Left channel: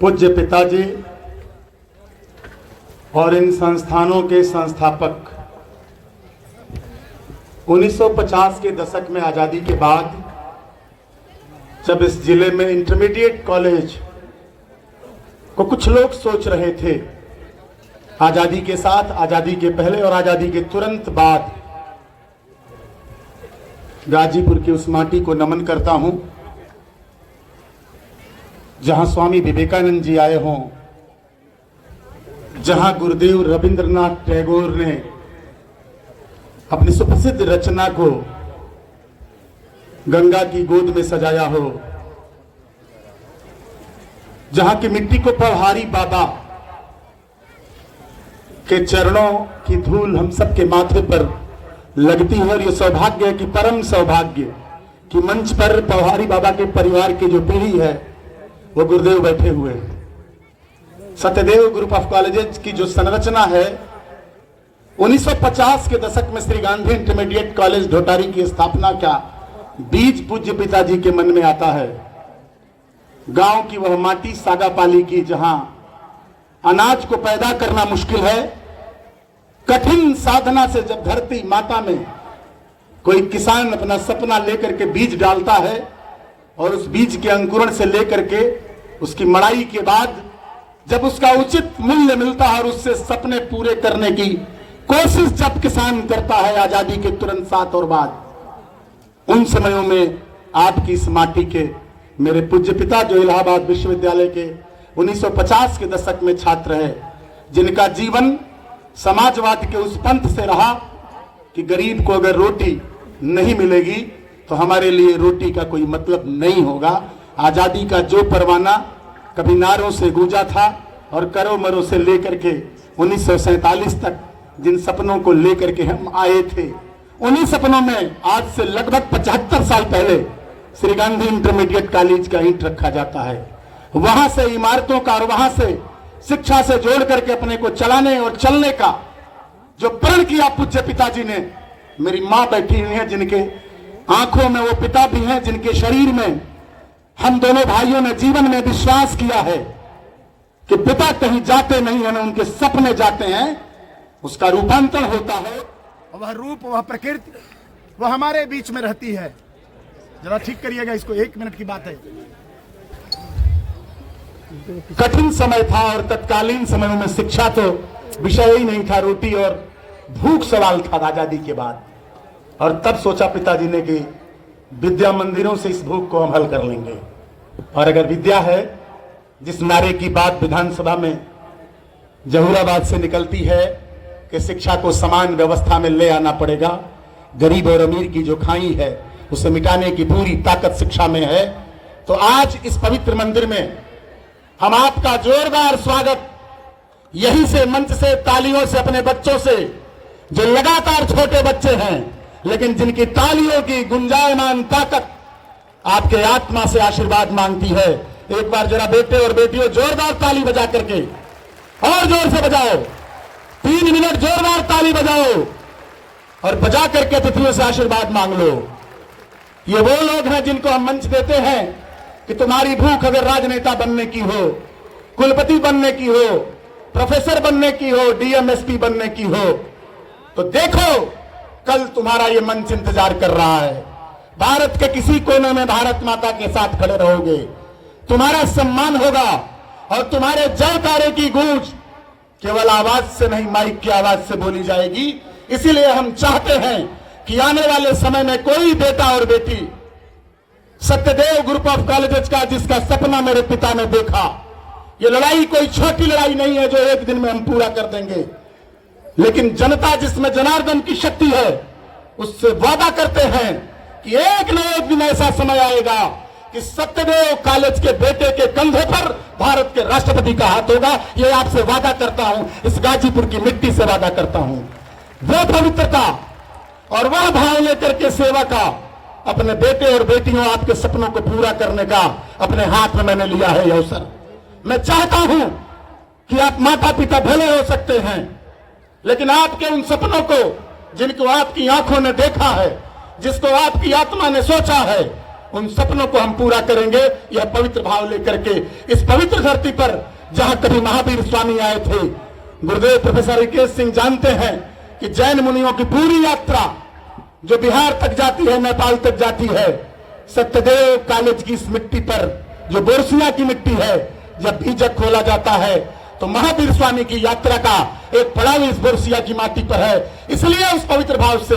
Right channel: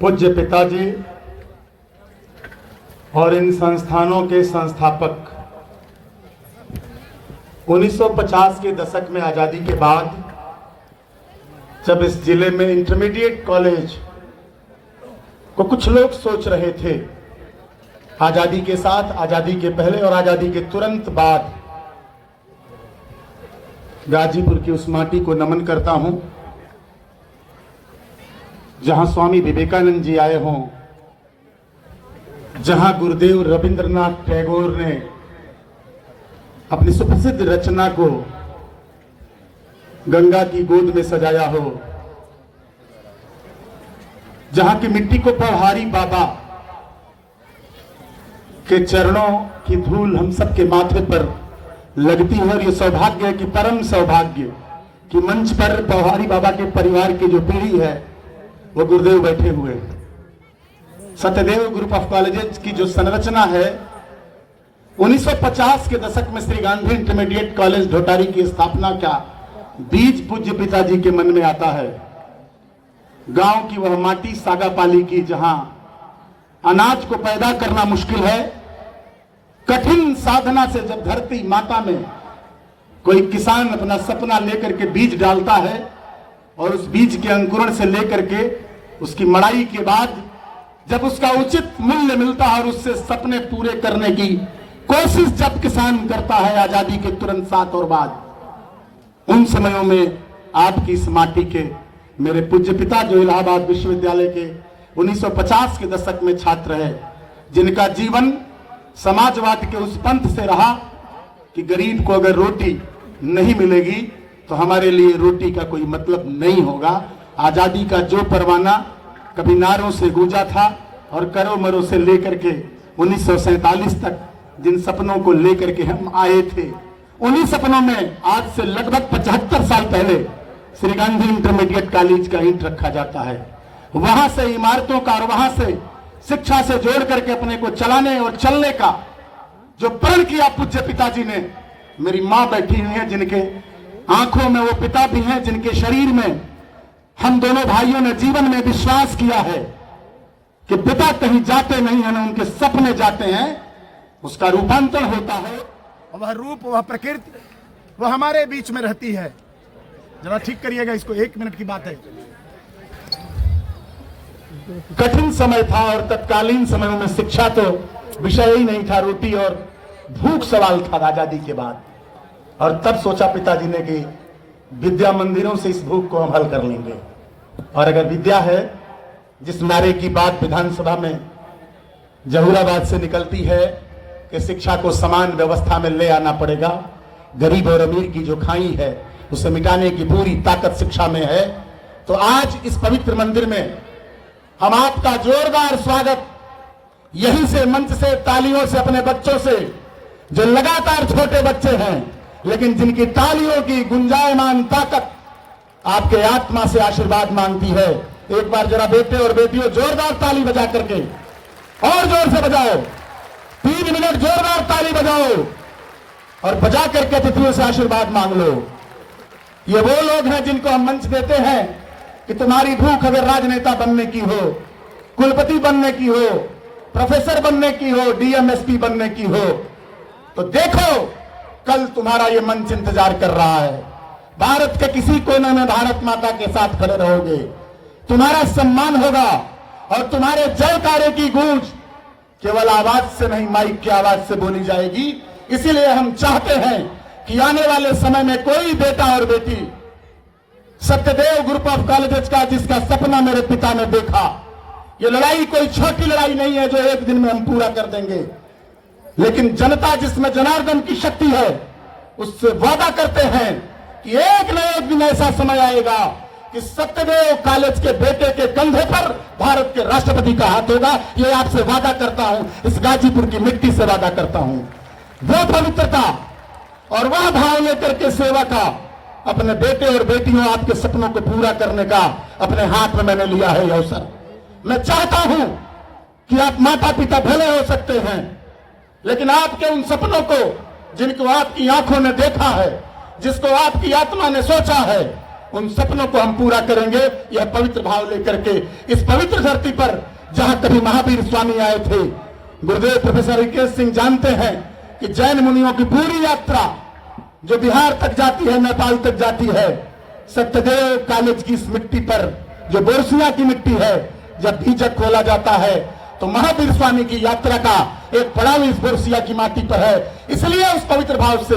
पूज्य पिताजी और इन संस्थानों के संस्थापक 1950 के दशक में आज़ादी के बाद जब इस जिले में इंटरमीडिएट कॉलेज को कुछ लोग सोच रहे थे, आज़ादी के साथ, आज़ादी के पहले और आज़ादी के तुरंत बाद, गाजीपुर की उस माटी को नमन करता हूं जहां स्वामी विवेकानंद जी आए हों, जहां गुरुदेव रविंद्रनाथ टैगोर ने अपनी सुप्रसिद्ध रचना को गंगा की गोद में सजाया हो, जहां की मिट्टी को पौहारी बाबा के चरणों की धूल हम सबके माथे पर लगती है। और ये सौभाग्य है कि परम सौभाग्य कि मंच पर पौहारी बाबा के परिवार की जो पीढ़ी है वो गुरुदेव बैठे हुए हैं। सत्यदेव ग्रुप ऑफ कॉलेजेस की जो संरचना है 1950 के दशक में श्री गांधी इंटरमीडिएट कॉलेज ढोटारी की स्थापना का बीज पूज्य पिताजी के मन में आता है। गांव की वह माटी सागापाली की, जहां अनाज को पैदा करना मुश्किल है, कठिन साधना से जब धरती माता में कोई किसान अपना सपना लेकर के बीज डालता है और उस बीज के अंकुरण से लेकर के उसकी मड़ाई के बाद जब उसका उचित मूल्य मिलता है और उससे सपने पूरे करने की कोशिश जब किसान करता है आजादी के तुरंत साथ और बाद, उन समयों में आपकी इस माटी के मेरे पूज्य पिता जो इलाहाबाद विश्वविद्यालय के 1950 के दशक में छात्र है, जिनका जीवन समाजवाद के उस पंथ से रहा कि गरीब को अगर रोटी नहीं मिलेगी तो हमारे लिए रोटी का कोई मतलब नहीं होगा। आजादी का जो परवाना कभी नारों से गूंजा था और करो मरो से लेकर के 1947 तक जिन सपनों को लेकर के हम आए थे, उन्हीं सपनों में आज से लगभग 75 साल पहले श्री गांधी इंटरमीडिएट कॉलेज का ईंट रखा जाता है। वहां से इमारतों का और वहां से शिक्षा से जोड़ करके अपने को चलाने और चलने का जो प्रण किया पूज्य पिताजी ने, मेरी मां बैठी हुई है जिनके आंखों में वो पिता भी हैं, जिनके शरीर में हम दोनों भाइयों ने जीवन में विश्वास किया है कि पिता कहीं जाते नहीं हैं, उनके सपने जाते हैं, उसका रूपांतरण होता है। वह रूप, वह प्रकृति, वह हमारे बीच में रहती है। जरा ठीक करिएगा इसको, 1 मिनट की बात है। कठिन समय था और तत्कालीन समयों में शिक्षा तो विषय ही नहीं था, रोटी और भूख सवाल था आजादी के बाद। और तब सोचा पिताजी ने कि विद्या मंदिरों से इस भूख को हम हल कर लेंगे। और अगर विद्या है, जिस नारे की बात विधानसभा में जहूराबाद से निकलती है कि शिक्षा को समान व्यवस्था में ले आना पड़ेगा, गरीब और अमीर की जो खाई है उसे मिटाने की पूरी ताकत शिक्षा में है, तो आज इस पवित्र मंदिर में हम आपका जोरदार स्वागत यहीं से मंच से तालियों से अपने बच्चों से, जो लगातार छोटे बच्चे हैं लेकिन जिनकी तालियों की गुंजायमान ताकत आपके आत्मा से आशीर्वाद मांगती है। एक बार जरा बेटे और बेटियों जोरदार ताली बजा करके, और जोर से बजाओ, 3 मिनट जोरदार ताली बजाओ और बजा करके अतिथियों से आशीर्वाद मांग लो। ये वो लोग हैं जिनको हम मंच देते हैं कि तुम्हारी भूख अगर राजनेता बनने की हो, कुलपति बनने की हो, प्रोफेसर बनने की हो, डीएमएसपी बनने की हो, तो देखो कल तुम्हारा ये मंच इंतजार कर रहा है। भारत के किसी कोने में भारत माता के साथ खड़े रहोगे, तुम्हारा सम्मान होगा और तुम्हारे जयकारे की गूंज केवल आवाज से नहीं, माइक की आवाज से बोली जाएगी। इसीलिए हम चाहते हैं कि आने वाले समय में कोई बेटा और बेटी सत्यदेव ग्रुप ऑफ कॉलेजेस का जिसका सपना मेरे पिता ने देखा, ये लड़ाई कोई छोटी लड़ाई नहीं है जो एक दिन में हम पूरा कर देंगे, लेकिन जनता जिसमें जनार्दन की शक्ति है उससे वादा करते हैं कि एक न एक दिन ऐसा समय आएगा कि सत्यदेव कॉलेज के बेटे के कंधे पर भारत के राष्ट्रपति का हाथ होगा। ये आपसे वादा करता हूं, इस गाजीपुर की मिट्टी से वादा करता हूं। वो पवित्रता और वह भाव लेकर के सेवा का अपने बेटे और बेटियों, आपके सपनों को पूरा करने का अपने हाथ में मैंने लिया है अवसर। मैं चाहता हूं कि आप माता पिता भले हो सकते हैं, लेकिन आपके उन सपनों को जिनको आपकी आंखों ने देखा है, जिसको आपकी आत्मा ने सोचा है, उन सपनों को हम पूरा करेंगे यह पवित्र भाव लेकर के इस पवित्र धरती पर जहां कभी महावीर स्वामी आए थे। गुरुदेव प्रोफेसर रिकेश सिंह जानते हैं कि जैन मुनियों की पूरी यात्रा जो बिहार तक जाती है, नेपाल तक जाती है, सत्यदेव कॉलेज की इस मिट्टी पर जो बोरसिया की मिट्टी है, जब बीजक खोला जाता है तो महावीर स्वामी की यात्रा का एक पड़ाव इस बोरसिया की माटी पर है। इसलिए उस पवित्र भाव से,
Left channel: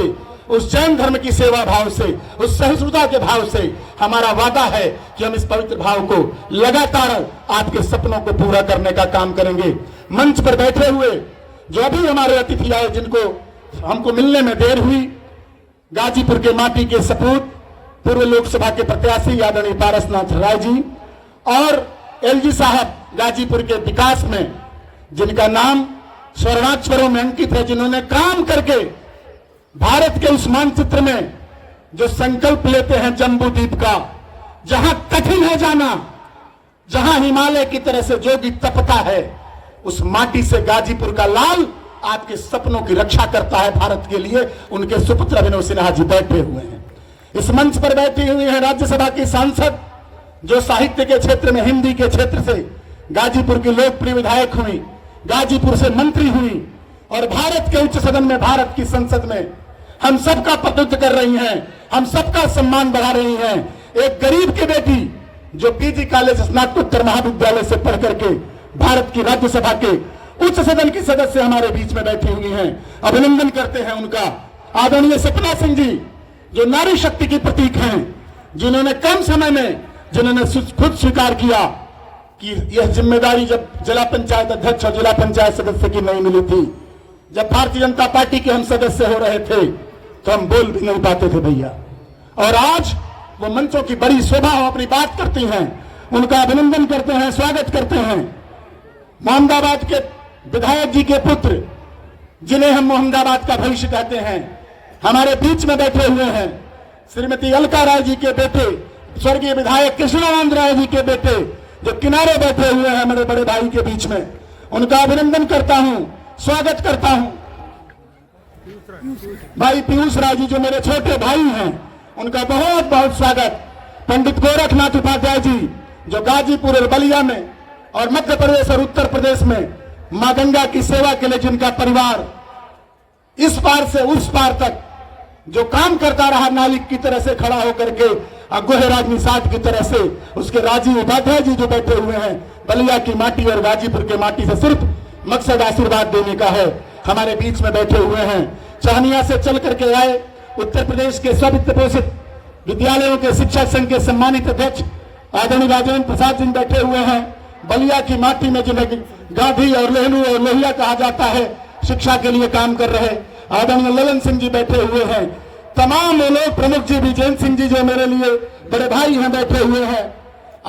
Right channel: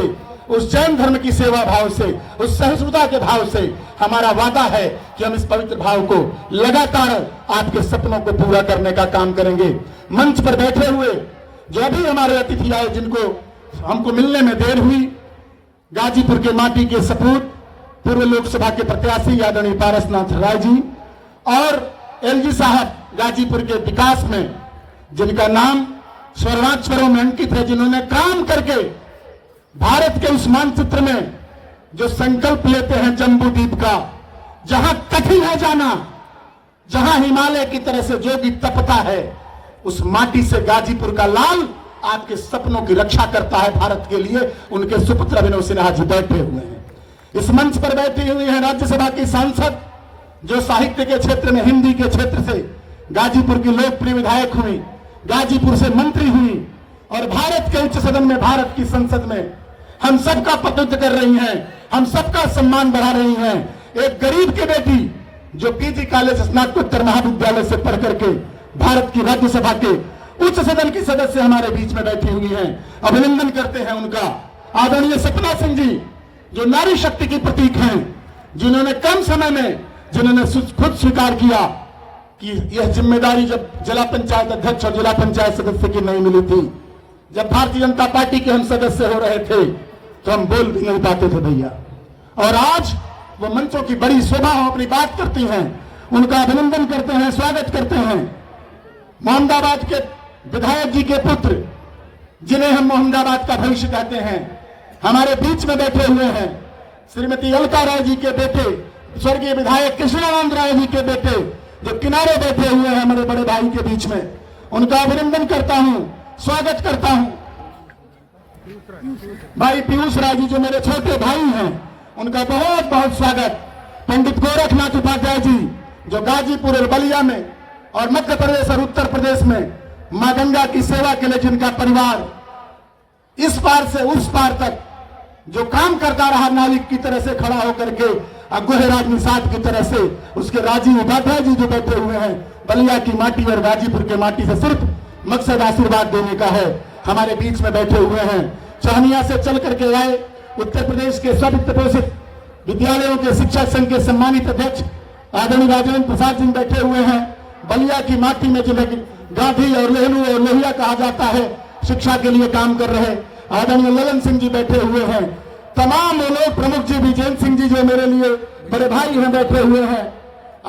उस जैन धर्म की सेवा भाव से, उस सहिष्णुता के भाव से हमारा वादा है कि हम इस पवित्र भाव को लगातार आपके सपनों को पूरा करने का काम करेंगे। मंच पर बैठे हुए जो अभी हमारे अतिथि आए, जिनको हमको मिलने में देर हुई, गाजीपुर के माटी के सपूत पूर्व लोकसभा के प्रत्याशी आदरणीय पारसनाथ राय जी और एलजी साहब गाजीपुर के विकास में जिनका नाम स्वर्णाक्षरों में अंकित है, जिन्होंने काम करके भारत के उस मानचित्र में जो संकल्प लेते हैं जम्बू द्वीप का, जहां कठिन है जाना, जहां हिमालय की तरह से जोगी तपता है, उस माटी से गाजीपुर का लाल आपके सपनों की रक्षा करता है भारत के लिए। उनके सुपुत्र अभिनव सिन्हा जी बैठे हुए हैं। इस मंच पर बैठी हुई है राज्यसभा की सांसद जो साहित्य के क्षेत्र में, हिंदी के क्षेत्र से गाजीपुर की लोकप्रिय विधायक हुई, गाजीपुर से मंत्री हुई और भारत के उच्च सदन में, भारत की संसद में हम सबका प्रतिनिधित्व कर रही हैं, हम सबका सम्मान बढ़ा रही हैं। एक गरीब की बेटी जो पीजी कॉलेज स्नातकोत्तर महाविद्यालय से पढ़ करके भारत की राज्यसभा के उच्च सदन की सदस्य हमारे बीच में बैठी हुई हैं। अभिनंदन करते हैं उनका। आदरणीय सपना सिंह जी जो नारी शक्ति की प्रतीक हैं, जिन्होंने कम समय में, जिन्होंने खुद स्वीकार किया कि यह जिम्मेदारी जब जिला पंचायत अध्यक्ष और जिला पंचायत सदस्य की नहीं मिली थी, जब भारतीय जनता पार्टी के हम सदस्य हो रहे थे तो हम बोल भी नहीं पाते थे भैया, और आज वो मंचों की बड़ी शोभा हो अपनी बात करती हैं। उनका अभिनंदन करते हैं, स्वागत करते हैं। मोहम्मदाबाद के विधायक जी के पुत्र, जिन्हें हम मोहम्मदाबाद का भविष्य कहते हैं, हमारे बीच में बैठे हुए हैं। श्रीमती अलका राय जी के बेटे, स्वर्गीय विधायक कृष्णानंद राय जी के बेटे जो किनारे बैठे हुए हैं मेरे बड़े भाई के बीच में, उनका अभिनंदन करता हूं, स्वागत करता हूं। भाई पीयूष राय जी जो मेरे छोटे भाई हैं, उनका बहुत बहुत स्वागत। पंडित गोरखनाथ उपाध्याय जी जो गाजीपुर और बलिया में और मध्य प्रदेश और उत्तर प्रदेश में मां गंगा की सेवा के लिए जिनका परिवार इस पार से उस पार तक जो काम करता रहा, नाविक की तरह से खड़ा होकर के, गोहेराज निषाद की तरह से, उसके राजीव उपाध्याय जी जो बैठे हुए हैं, बलिया की माटी और गाजीपुर के माटी से सिर्फ मकसद आशीर्वाद देने का है, हमारे बीच में बैठे हुए हैं। चहनिया से चल करके आए, उत्तर प्रदेश के स्व-वित्त पोषित विद्यालयों के शिक्षक संघ के सम्मानित अध्यक्ष आदरणीय राजेंद्र प्रसाद जी बैठे हुए हैं। बलिया की माटी में जिन्हें गांधी और लेहलू और लोहिया कहा जाता है, शिक्षा के लिए काम कर रहे आदरणीय ललन सिंह जी बैठे हुए हैं। तमाम लोग, प्रमुख जी विजय सिंह जी जो मेरे लिए बड़े भाई हैं, बैठे हुए हैं।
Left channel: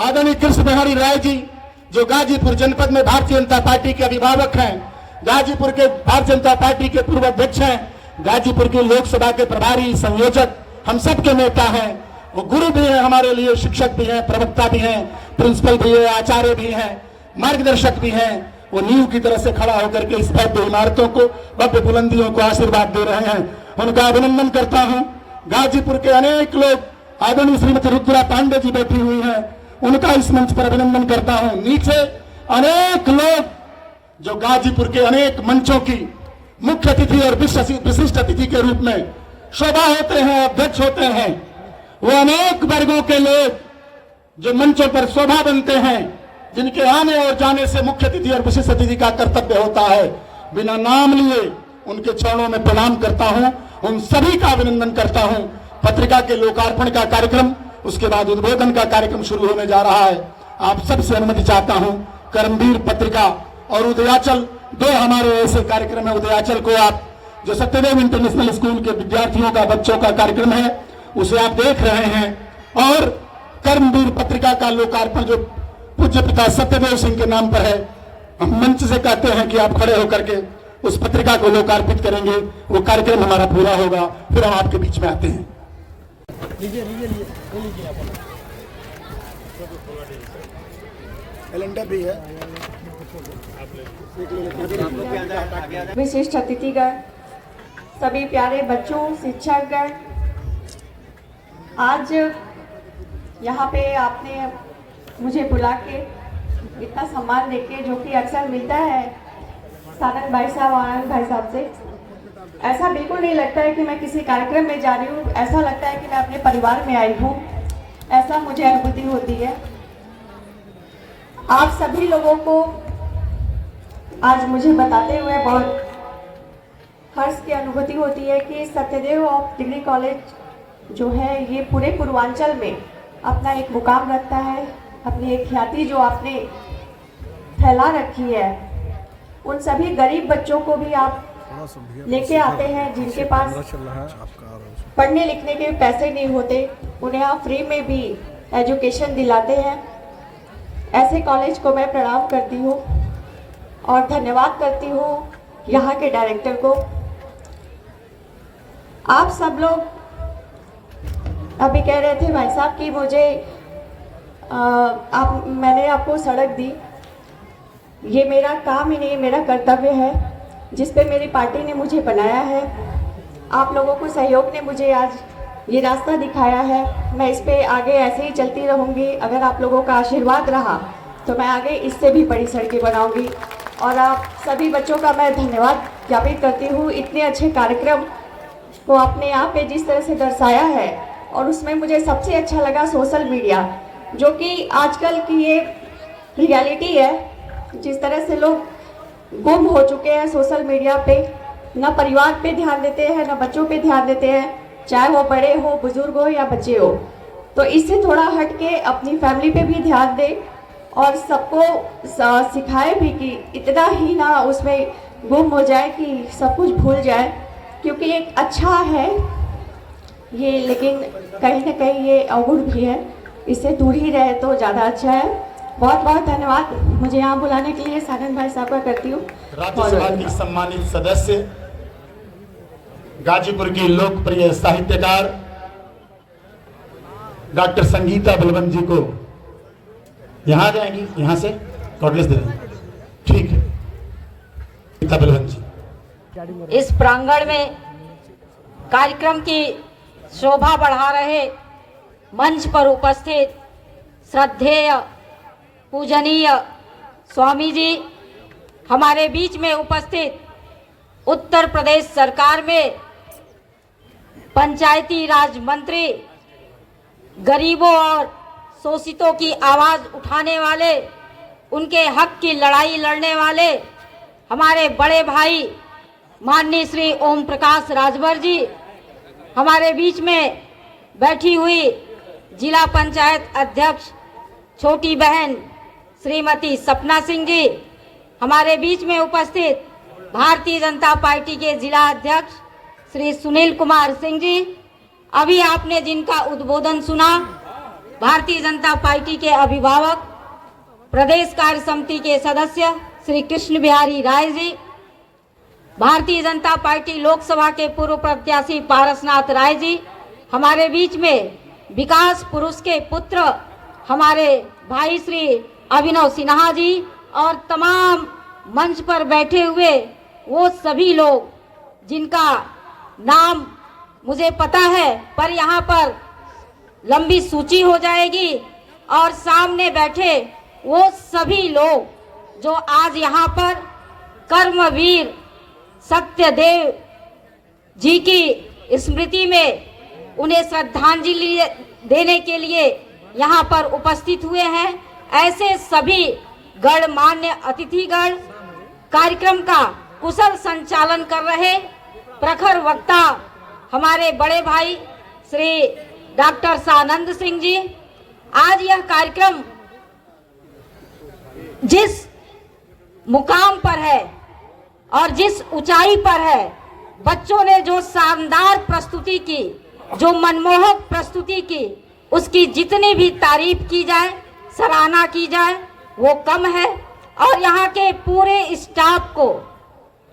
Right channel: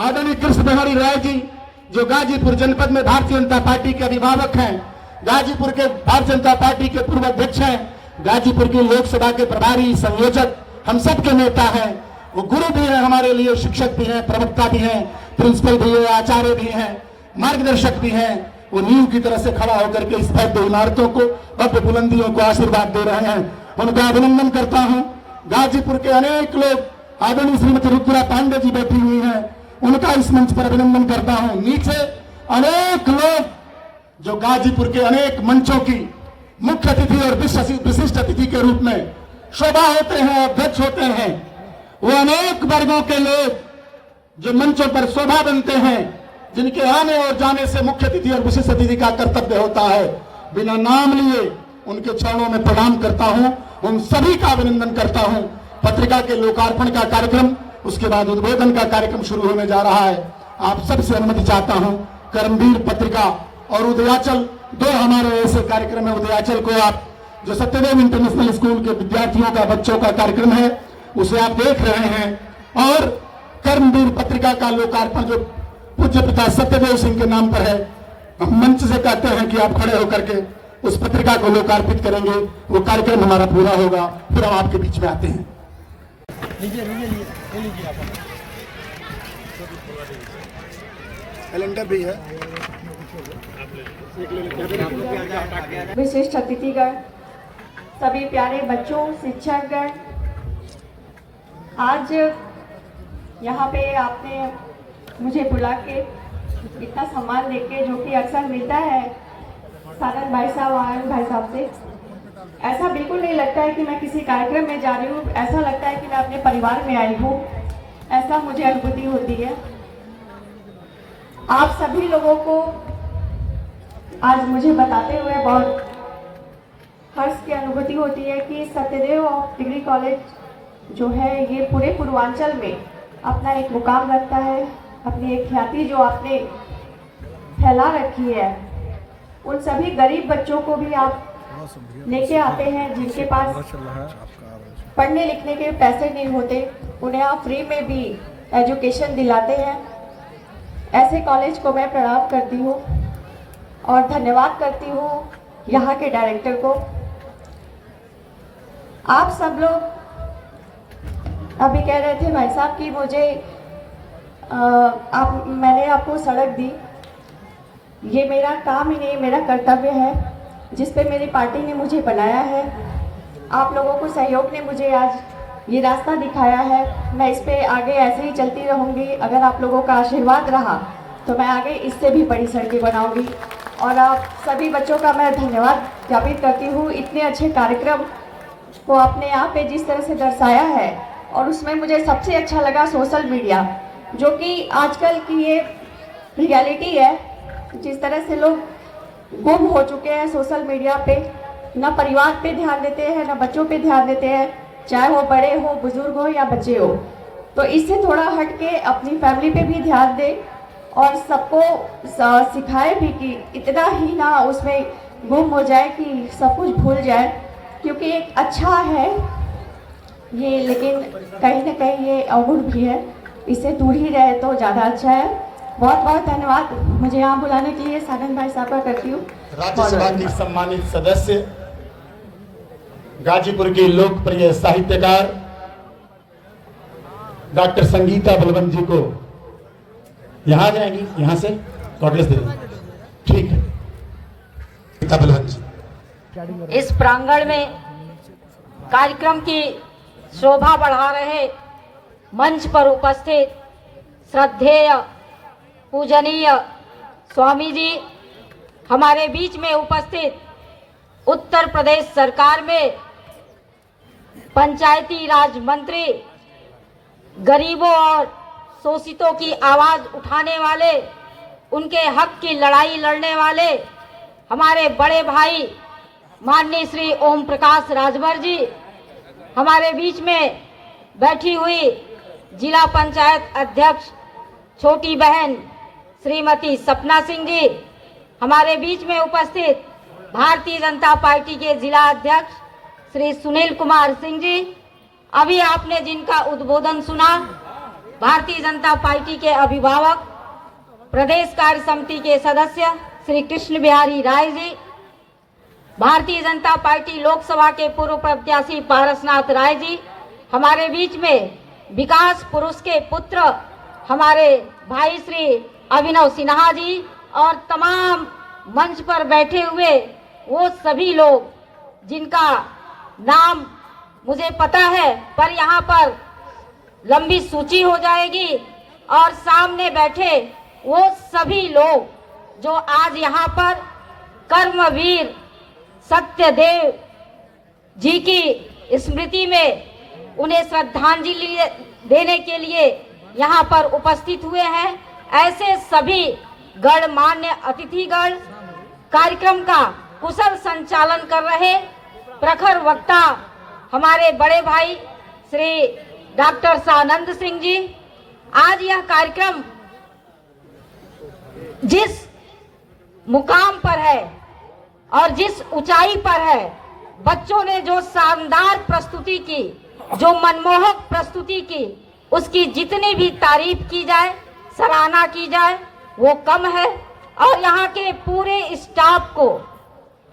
आदरणीय कृष्ण बिहारी राय जी जो गाजीपुर जनपद में भारतीय जनता पार्टी के अभिभावक हैं, गाजीपुर के भारतीय जनता पार्टी के पूर्व अध्यक्ष हैं, गाजीपुर की लोकसभा के प्रभारी संयोजक, हम सब के नेता हैं। वो गुरु भी हैं हमारे लिए, शिक्षक भी हैं, प्रवक्ता भी हैं, प्रिंसिपल भी है, आचार्य भी हैं, मार्गदर्शक भी हैं। वो नींव की तरह से खड़ा होकर के इस भव्य इमारतों को, भव्य बुलंदियों को आशीर्वाद दे रहे हैं। उनका अभिनंदन करता हूं। गाजीपुर के अनेक लोग, आदरणीय श्रीमती रुद्रा पांडे जी बैठी हुई हैं, उनका इस मंच पर अभिनंदन करता हूं। नीचे अनेक लोग जो गाजीपुर के अनेक मंचों की मुख्य अतिथि और विशिष्ट अतिथि के रूप में शोभा होते हैं, अध्यक्ष होते हैं, वो अनेक वर्गों के लोग जो मंचों पर शोभा बनते हैं, जिनके आने और जाने से मुख्य अतिथि और विशिष्ट अतिथि का कर्तव्य होता है। बिना नाम लिए उनके चरणों में प्रणाम करता हूं, उन सभी का अभिनंदन करता हूं। पत्रिका के लोकार्पण का कार्यक्रम, उसके बाद उद्बोधन का कार्यक्रम शुरू होने जा रहा है। आप सबसे अनुमति चाहता हूं। कर्मवीर पत्रिका और उदयाचल, दो हमारे ऐसे कार्यक्रम है। उदयाचल को आप जो सत्यदेव इंटरनेशनल स्कूल के विद्यार्थियों का, बच्चों का कार्यक्रम है, उसे आप देख रहे हैं। और कर्मवीर पत्रिका का लोकार्पण जो पूज्य पिता सत्यदेव सिंह के नाम पर है, हम मंच से कहते हैं कि आप खड़े होकर के उस पत्रिका को लोकार्पित करेंगे। वो कार्यक्रम हमारा पूरा होगा, फिर हम आपके बीच में आते हैं। कैलेंडर भी है। विशिष्ट अतिथिगण, सभी प्यारे बच्चों, शिक्षकगण, आज यहाँ पे आपने मुझे बुला के इतना सम्मान देके, जो कि अक्सर मिलता है सानंद भाई साहब, आनंद भाई साहब से, ऐसा बिल्कुल नहीं लगता है कि मैं किसी कार्यक्रम में जा रही हूँ। ऐसा लगता है कि मैं अपने परिवार में आई हूँ, ऐसा मुझे अनुभूति होती है। आप सभी लोगों को आज मुझे बताते हुए बहुत हर्ष की अनुभूति होती है कि सत्यदेव ऑफ डिग्री कॉलेज जो है ये पूरे पूर्वांचल में अपना एक मुकाम रखता है। अपनी एक ख्याति जो आपने फैला रखी है, उन सभी गरीब बच्चों को भी आप लेके आते हैं जिनके पास पढ़ने लिखने के पैसे नहीं होते, उन्हें आप फ्री में भी एजुकेशन दिलाते हैं। ऐसे कॉलेज को मैं प्रणाम करती हूँ और धन्यवाद करती हूँ यहाँ के डायरेक्टर को। आप सब लोग अभी कह रहे थे भाई साहब कि मुझे मैंने आपको सड़क दी, ये मेरा काम ही नहीं, मेरा कर्तव्य है जिस पे मेरी पार्टी ने मुझे बनाया है। आप लोगों को सहयोग ने मुझे आज ये रास्ता दिखाया है। मैं इस पे आगे ऐसे ही चलती रहूँगी। अगर आप लोगों का आशीर्वाद रहा तो मैं आगे इससे भी बड़ी सड़कें बनाऊँगी। और आप सभी बच्चों का मैं धन्यवाद ज्ञापित करती हूँ। इतने अच्छे कार्यक्रम को आपने यहाँ पे जिस तरह से दर्शाया है, और उसमें मुझे सबसे अच्छा लगा सोशल मीडिया, जो कि आजकल की ये रियलिटी है। जिस तरह से लोग गुम हो चुके हैं सोशल मीडिया पे, न परिवार पे ध्यान देते हैं, न बच्चों पे ध्यान देते हैं, चाहे वो बड़े हो, बुजुर्ग हो या बच्चे हो। तो इससे थोड़ा हट के अपनी फैमिली पे भी ध्यान दें और सबको सिखाए भी कि इतना ही ना उसमें गुम हो जाए कि सब कुछ भूल जाए, क्योंकि एक अच्छा है ये, लेकिन कहीं ना कहीं ये अवगुण भी है। इससे दूर ही रहे तो ज़्यादा अच्छा है। बहुत बहुत धन्यवाद मुझे यहाँ बुलाने के लिए सानंद भाई साहब का करती हूँ। राज्यसभा की सम्मानित सदस्य, गाजीपुर की लोकप्रिय साहित्यकार डॉक्टर संगीता बलवंत जी को यहाँ आ जाएंगी, यहाँ से कांग्रेस दे देंगे, ठीक है। संगीता बलवंत जी इस प्रांगण में कार्यक्रम की शोभा बढ़ा रहे मंच पर उपस्थित श्रद्धेय पूजनीय स्वामी जी, हमारे बीच में उपस्थित उत्तर प्रदेश सरकार में पंचायती राज मंत्री, गरीबों और शोषितों की आवाज उठाने वाले, उनके हक की लड़ाई लड़ने वाले हमारे बड़े भाई माननीय श्री ओम प्रकाश राजभर जी, हमारे बीच में बैठी हुई जिला पंचायत अध्यक्ष छोटी बहन श्रीमती सपना सिंह जी, हमारे बीच में उपस्थित भारतीय जनता पार्टी के जिला अध्यक्ष श्री सुनील कुमार सिंह जी, अभी आपने जिनका उद्बोधन सुना, भारतीय जनता पार्टी के अभिभावक प्रदेश कार्य समिति के सदस्य श्री कृष्ण बिहारी राय जी, भारतीय जनता पार्टी लोकसभा के पूर्व प्रत्याशी पारसनाथ राय जी, हमारे बीच में विकास पुरुष के पुत्र हमारे भाई श्री अभिनव सिन्हा जी, और तमाम मंच पर बैठे हुए वो सभी लोग जिनका नाम मुझे पता है, पर यहाँ पर लंबी सूची हो जाएगी, और सामने बैठे वो सभी लोग जो आज यहाँ पर कर्मवीर सत्यदेव जी की स्मृति में उन्हें श्रद्धांजलि देने के लिए यहाँ पर उपस्थित हुए हैं। ऐसे सभी गणमान्य अतिथिगण, कार्यक्रम का कुशल संचालन कर रहे प्रखर वक्ता हमारे बड़े भाई श्री डॉक्टर सानंद सिंह जी, आज यह कार्यक्रम जिस मुकाम पर है और जिस ऊंचाई पर है, बच्चों ने जो शानदार प्रस्तुति की, जो मनमोहक प्रस्तुति की, उसकी जितनी भी तारीफ की जाए, सराहना की जाए, वो कम है। और यहाँ के पूरे स्टाफ को,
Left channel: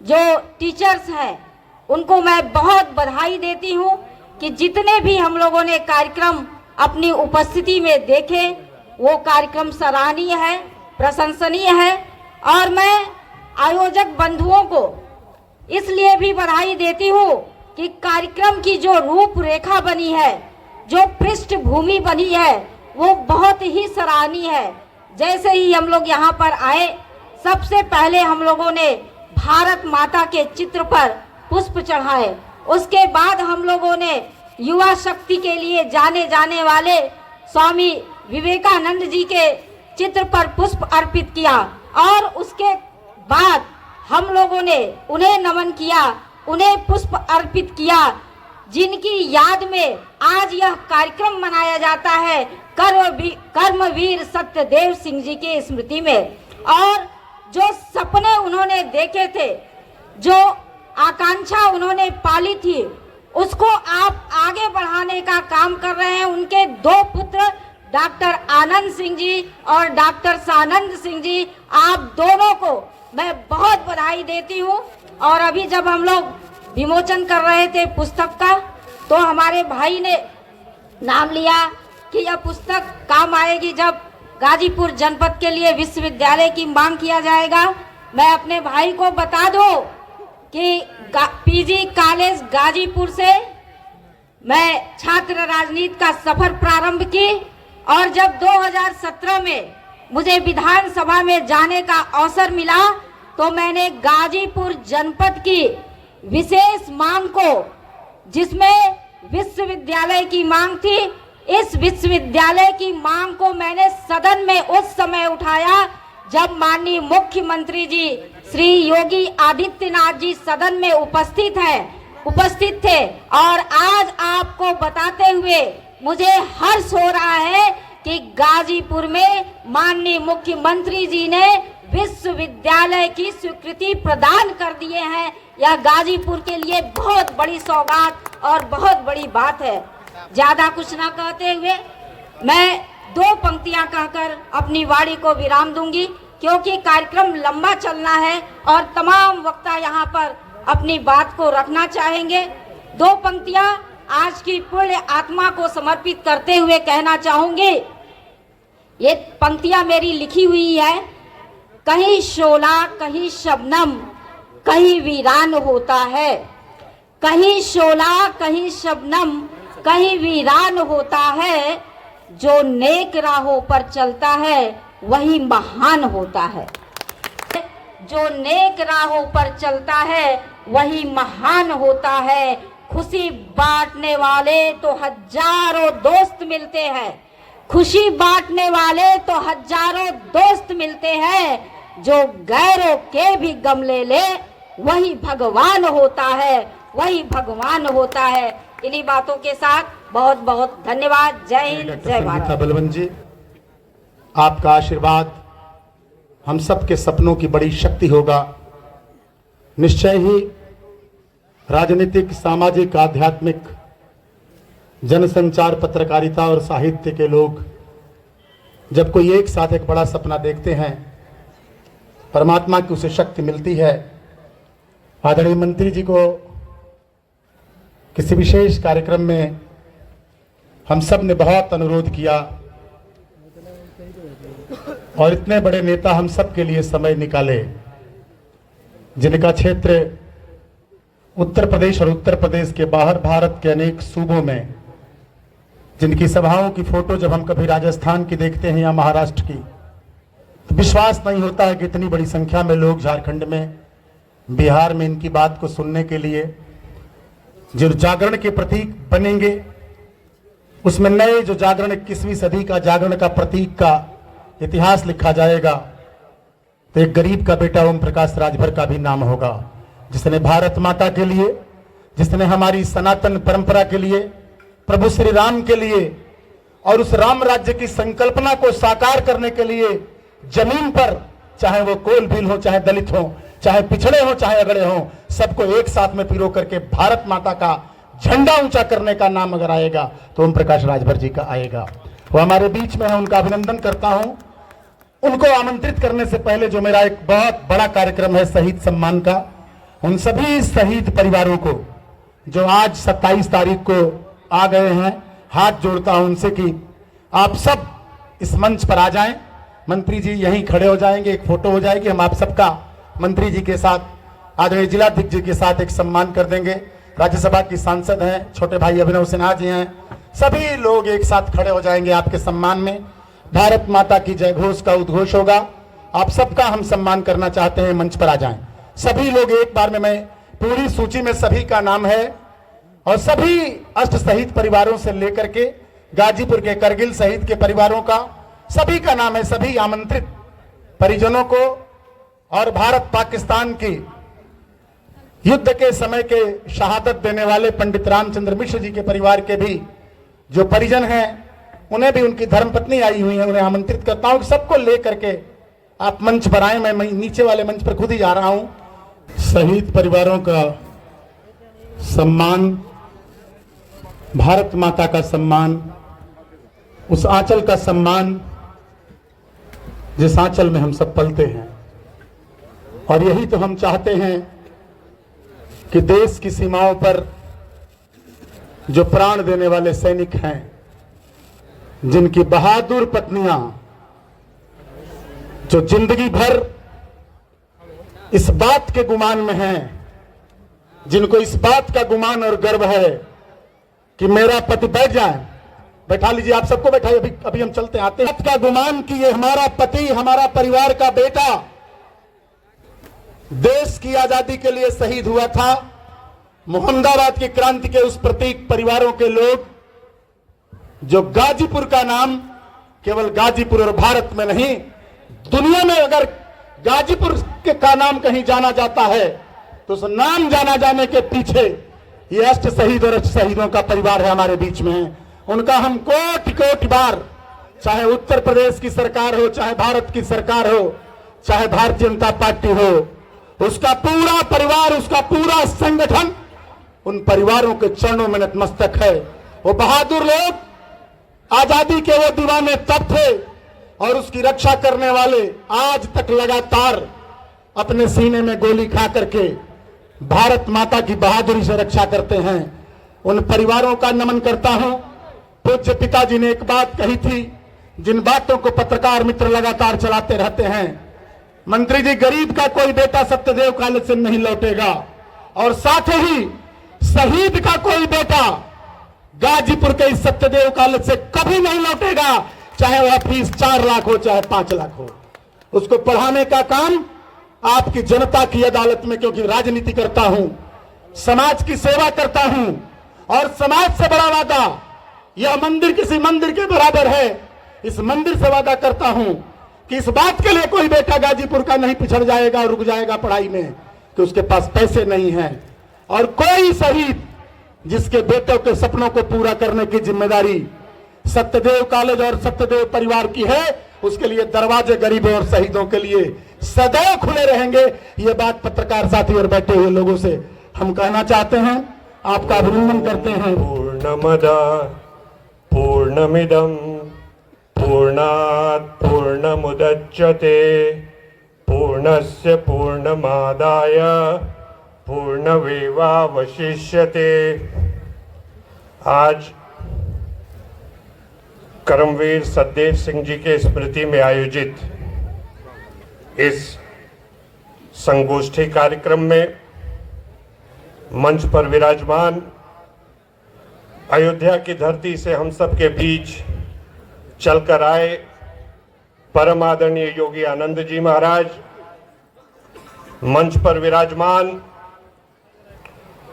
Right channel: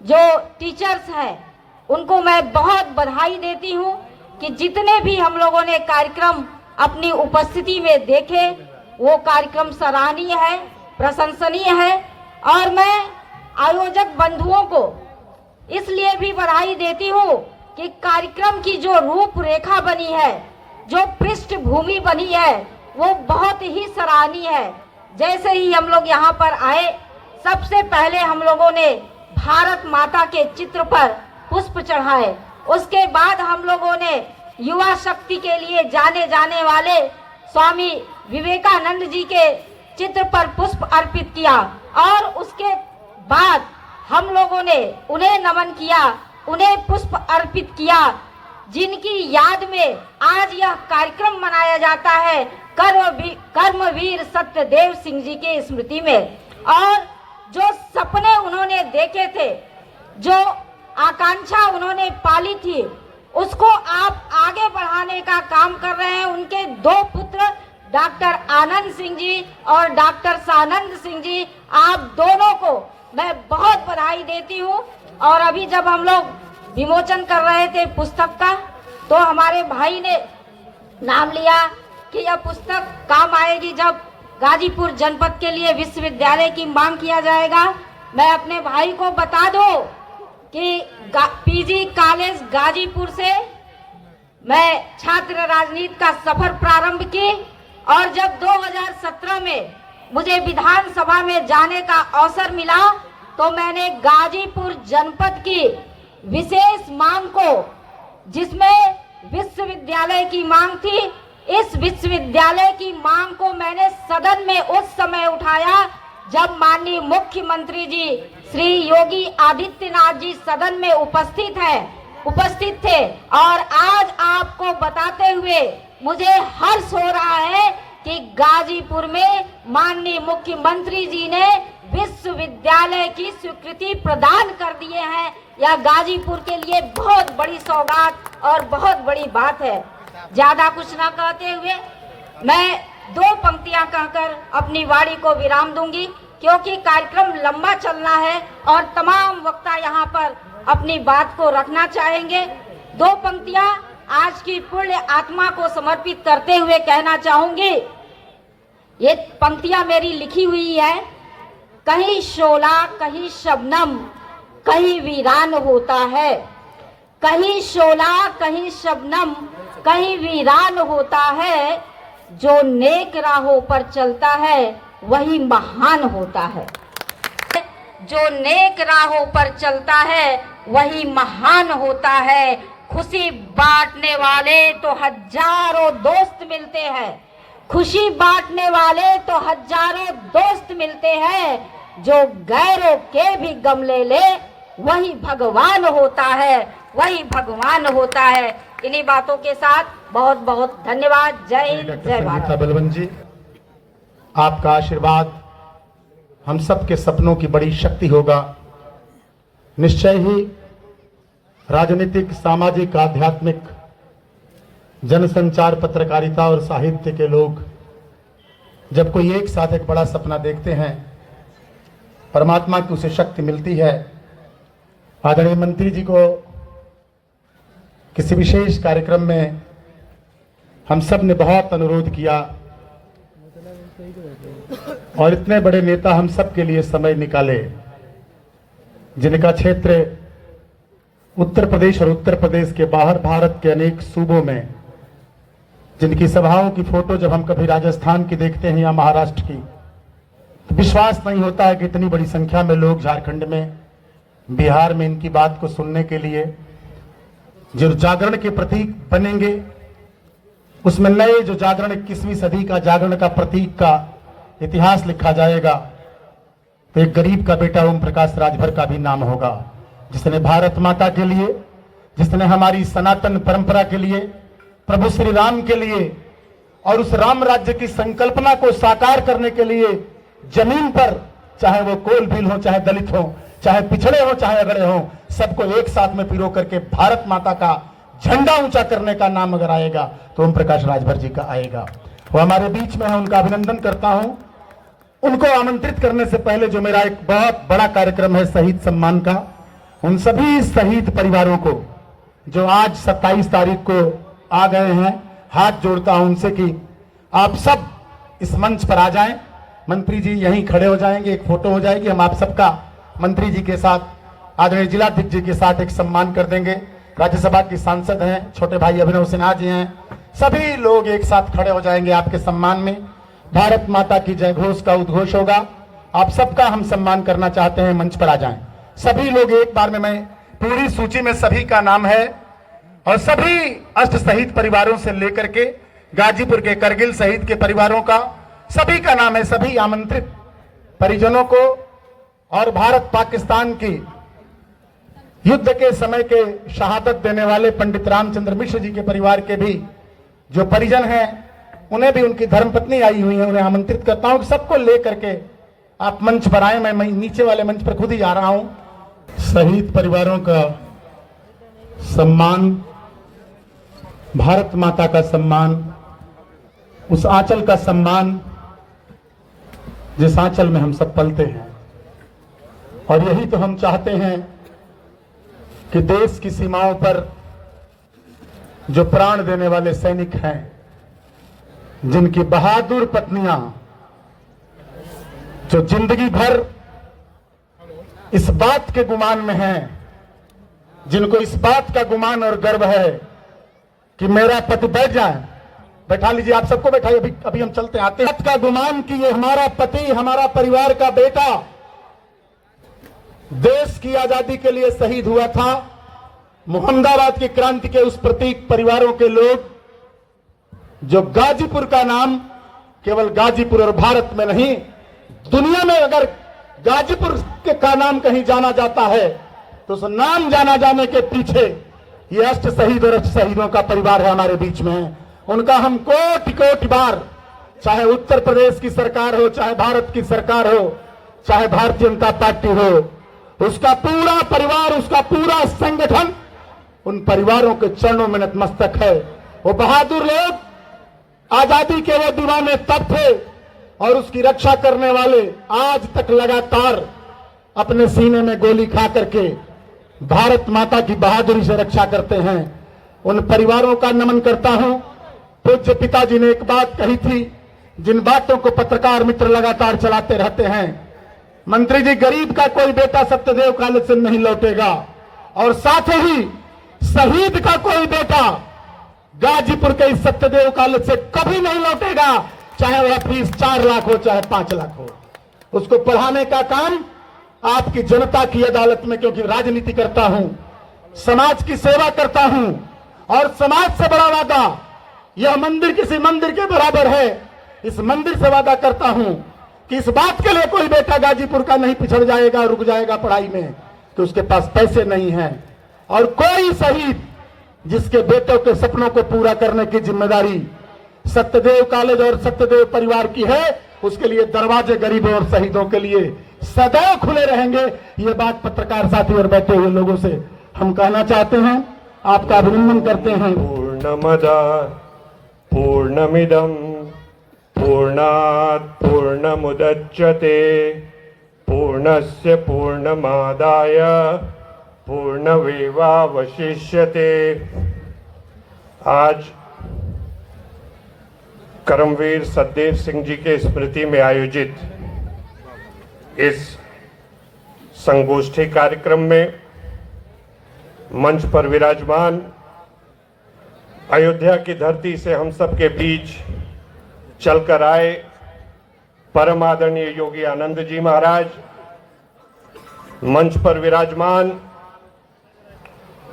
जो टीचर्स हैं, उनको मैं बहुत बधाई देती हूँ कि जितने भी हम लोगों ने कार्यक्रम अपनी उपस्थिति में देखे, वो कार्यक्रम सराहनीय है, प्रशंसनीय है। और मैं आयोजक बंधुओं को इसलिए भी बधाई देती हूँ कि कार्यक्रम की जो रूपरेखा बनी है, जो पृष्ठभूमि बनी है, वो बहुत ही सराहनीय है। जैसे ही हम लोग यहाँ पर आए, सबसे पहले हम लोगों ने भारत माता के चित्र पर पुष्प चढ़ाए। उसके बाद हम लोगों ने युवा शक्ति के लिए जाने जाने वाले स्वामी विवेकानंद जी के चित्र पर पुष्प अर्पित किया और उसके बाद हम लोगों ने उन्हें नमन किया, उन्हें पुष्प अर्पित किया, जिनकी याद में आज यह कार्यक्रम मनाया जाता है कर्मवीर सत्यदेव सिंह जी के स्मृति में। और जो सपने उन्होंने देखे थे, जो आकांक्षा उन्होंने पाली थी, उसको आप आगे बढ़ाने का काम कर रहे हैं। उनके दो पुत्र डॉक्टर आनंद सिंह जी और डॉक्टर सानंद सिंह जी, आप दोनों को मैं बहुत बधाई देती हूँ। और अभी जब हम लोग विमोचन कर रहे थे पुस्तक का, तो हमारे भाई ने नाम लिया कि यह पुस्तक काम आएगी जब गाजीपुर जनपद के लिए विश्वविद्यालय की मांग किया जाएगा। मैं अपने भाई को बता दूं कि पीजी कॉलेज गाजीपुर से मैं छात्र राजनीति का सफर प्रारंभ की और जब 2017 में मुझे विधानसभा में जाने का अवसर मिला, तो मैंने गाजीपुर जनपद की विशेष मांग को, जिसमें विश्वविद्यालय की मांग थी, इस विश्वविद्यालय की मांग को मैंने सदन में उस समय उठाया जब माननीय मुख्यमंत्री जी श्री योगी आदित्यनाथ जी सदन में उपस्थित थे। और आज आपको बताते हुए मुझे हर्ष हो रहा है कि गाजीपुर में माननीय मुख्यमंत्री जी ने विश्वविद्यालय की स्वीकृति प्रदान कर दिए हैं। यह गाजीपुर के लिए बहुत बड़ी सौगात और बहुत बड़ी बात है। ज्यादा कुछ ना कहते हुए मैं दो पंक्तियां कहकर अपनी वाणी को विराम दूंगी, क्योंकि कार्यक्रम लंबा चलना है और तमाम वक्ता यहाँ पर अपनी बात को रखना चाहेंगे। दो पंक्तियां आज की पुण्य आत्मा को समर्पित करते हुए कहना चाहूंगी। ये पंक्तियां मेरी लिखी हुई है। कहीं शोला कहीं शबनम कहीं वीरान होता है, कहीं शोला कहीं शबनम कहीं वीरान होता है, जो नेक राहों पर चलता है वही महान होता है। जो नेक राहों पर चलता है वही महान होता है। खुशी बांटने वाले तो हजारों दोस्त मिलते हैं, खुशी बांटने वाले तो हजारों दोस्त मिलते हैं। जो गैरों के भी गम ले ले वही भगवान होता है, वही भगवान होता है। इन्हीं बातों के साथ बहुत बहुत धन्यवाद। जय हिंद, जय भारत। बलवंत जी, आपका आशीर्वाद हम सब के सपनों की बड़ी शक्ति होगा। निश्चय ही राजनीतिक, सामाजिक, आध्यात्मिक, जनसंचार, पत्रकारिता और साहित्य के लोग जब कोई एक साथ एक बड़ा सपना देखते हैं, परमात्मा की उसे शक्ति मिलती है। आदरणीय मंत्री जी को किसी विशेष कार्यक्रम में हम सब ने बहुत अनुरोध किया और इतने बड़े नेता हम सब के लिए समय निकाले, जिनका क्षेत्र उत्तर प्रदेश और उत्तर प्रदेश के बाहर भारत के अनेक सूबों में, जिनकी सभाओं की फोटो जब हम कभी राजस्थान की देखते हैं या महाराष्ट्र की, तो विश्वास नहीं होता है कि इतनी बड़ी संख्या में लोग झारखंड में, बिहार में इनकी बात को सुनने के लिए, जो जागरण के प्रतीक बनेंगे, उसमें नए जो जागरण 21वीं सदी का जागरण का प्रतीक का इतिहास लिखा जाएगा, तो एक गरीब का बेटा ओम प्रकाश राजभर का भी नाम होगा, जिसने भारत माता के लिए, जिसने हमारी सनातन परंपरा के लिए, प्रभु श्री राम के लिए और उस राम राज्य की संकल्पना को साकार करने के लिए जमीन पर, चाहे वो कोल भील हो, चाहे दलित हो, चाहे पिछड़े हो, चाहे अगड़े हो, सबको एक साथ में पिरो करके भारत माता का झंडा ऊंचा करने का नाम अगर आएगा तो ओम प्रकाश राजभर जी का आएगा। वो हमारे बीच में है, उनका अभिनंदन करता हूं। उनको आमंत्रित करने से पहले जो मेरा एक बहुत बड़ा कार्यक्रम है शहीद सम्मान का, उन सभी शहीद परिवारों को जो आज 27 तारीख को आ गए हैं, हाथ जोड़ता हूं उनसे कि आप सब इस मंच पर आ जाएं। मंत्री जी यहीं खड़े हो जाएंगे, एक फोटो हो जाएगी, हम आप सबका मंत्री जी के साथ, आदरणीय जिलाध्यक्ष जी के साथ एक सम्मान कर देंगे। राज्यसभा की सांसद हैं, छोटे भाई अभिनव सिन्हा जी हैं, सभी लोग एक साथ खड़े हो जाएंगे आपके सम्मान में। भारत माता की जय घोष का उद्घोष होगा। आप सबका हम सम्मान करना चाहते हैं, मंच पर आ जाएं सभी लोग एक बार में। मैं पूरी सूची में सभी का नाम है और सभी अष्ट शहीद परिवारों से लेकर के गाजीपुर के करगिल शहीद के परिवारों का सभी का नाम है, सभी आमंत्रित परिजनों को और भारत पाकिस्तान की युद्ध के समय के शहादत देने वाले पंडित रामचंद्र मिश्र जी के परिवार के भी जो परिजन हैं, उन्हें भी, उनकी धर्मपत्नी आई हुई है, उन्हें आमंत्रित करता हूं। सबको लेकर के आप मंच पर आए। मैं नीचे वाले मंच पर खुद ही जा रहा हूं। शहीद परिवारों का सम्मान, भारत माता का सम्मान, उस आंचल का सम्मान जिस आंचल में हम सब पलते हैं। और यही तो हम चाहते हैं कि देश की सीमाओं पर जो प्राण देने वाले सैनिक हैं, जिनकी बहादुर पत्नियां जो जिंदगी भर इस बात के गुमान में हैं, जिनको इस बात का गुमान और गर्व है कि मेरा पति बैठ जाए, बैठा लीजिए, आप सबको बैठाइए, अभी हम चलते आते हैं, का गुमान कि ये हमारा पति, हमारा परिवार का बेटा देश की आजादी के लिए शहीद हुआ था। मुहम्मदाबाद की क्रांति के उस प्रतीक परिवारों के लोग जो गाजीपुर का नाम केवल गाजीपुर और भारत में नहीं, दुनिया में अगर गाजीपुर का नाम कहीं जाना जाता है तो उस नाम जाना जाने के पीछे ये अष्ट शहीद और अष्ट शहीदों का परिवार है हमारे बीच में है। उनका हम कोटि कोटि बार, चाहे उत्तर प्रदेश की सरकार हो, चाहे भारत की सरकार हो, चाहे भारतीय जनता पार्टी हो, उसका पूरा परिवार, उसका पूरा संगठन उन परिवारों के चरणों में नतमस्तक है। वो बहादुर लोग आजादी के वो दीवाने तब थे और उसकी रक्षा करने वाले आज तक लगातार अपने सीने में गोली खा करके भारत माता की बहादुरी से रक्षा करते हैं। उन परिवारों का नमन करता हूं। पूज्य पिताजी ने एक बात कही थी, जिन बातों को पत्रकार मित्र लगातार चलाते रहते हैं। मंत्री जी, गरीब का कोई बेटा सत्यदेव कॉलेज से नहीं लौटेगा और साथ ही शहीद का कोई बेटा गाजीपुर के इस सत्यदेव कॉलेज से कभी नहीं लौटेगा, चाहे वह फीस 4 लाख हो चाहे 5 लाख हो। उसको पढ़ाने का काम आपकी जनता की अदालत में, क्योंकि राजनीति करता हूं, समाज की सेवा करता हूं और समाज से बड़ा वादा यह मंदिर किसी मंदिर के बराबर है। इस मंदिर से वादा करता हूं कि इस बात के लिए कोई बेटा गाजीपुर का नहीं पिछड़ जाएगा, रुक जाएगा पढ़ाई में कि उसके पास पैसे नहीं हैं। और कोई शहीद जिसके बेटों के सपनों को पूरा करने की जिम्मेदारी सत्यदेव कॉलेज और सत्यदेव परिवार की है, उसके लिए दरवाजे गरीबों और शहीदों के लिए सदैव खुले रहेंगे। ये बात पत्रकार साथी और बैठे हुए लोगों से हम कहना चाहते हैं, आपका अभिनंदन करते हैं। पूर्णमदा पूर्णमिदं पूर्णात् पूर्णमुदच्यते पूर्णस्य पूर्णमादाय पूर्णमेवावशिष्यते। आज कर्मवीर सतदेव सिंह जी के स्मृति में आयोजित इस संगोष्ठी कार्यक्रम में मंच पर विराजमान अयोध्या की धरती से हम सब के बीच चलकर आए परम आदरणीय योगी आनंद जी महाराज, मंच पर विराजमान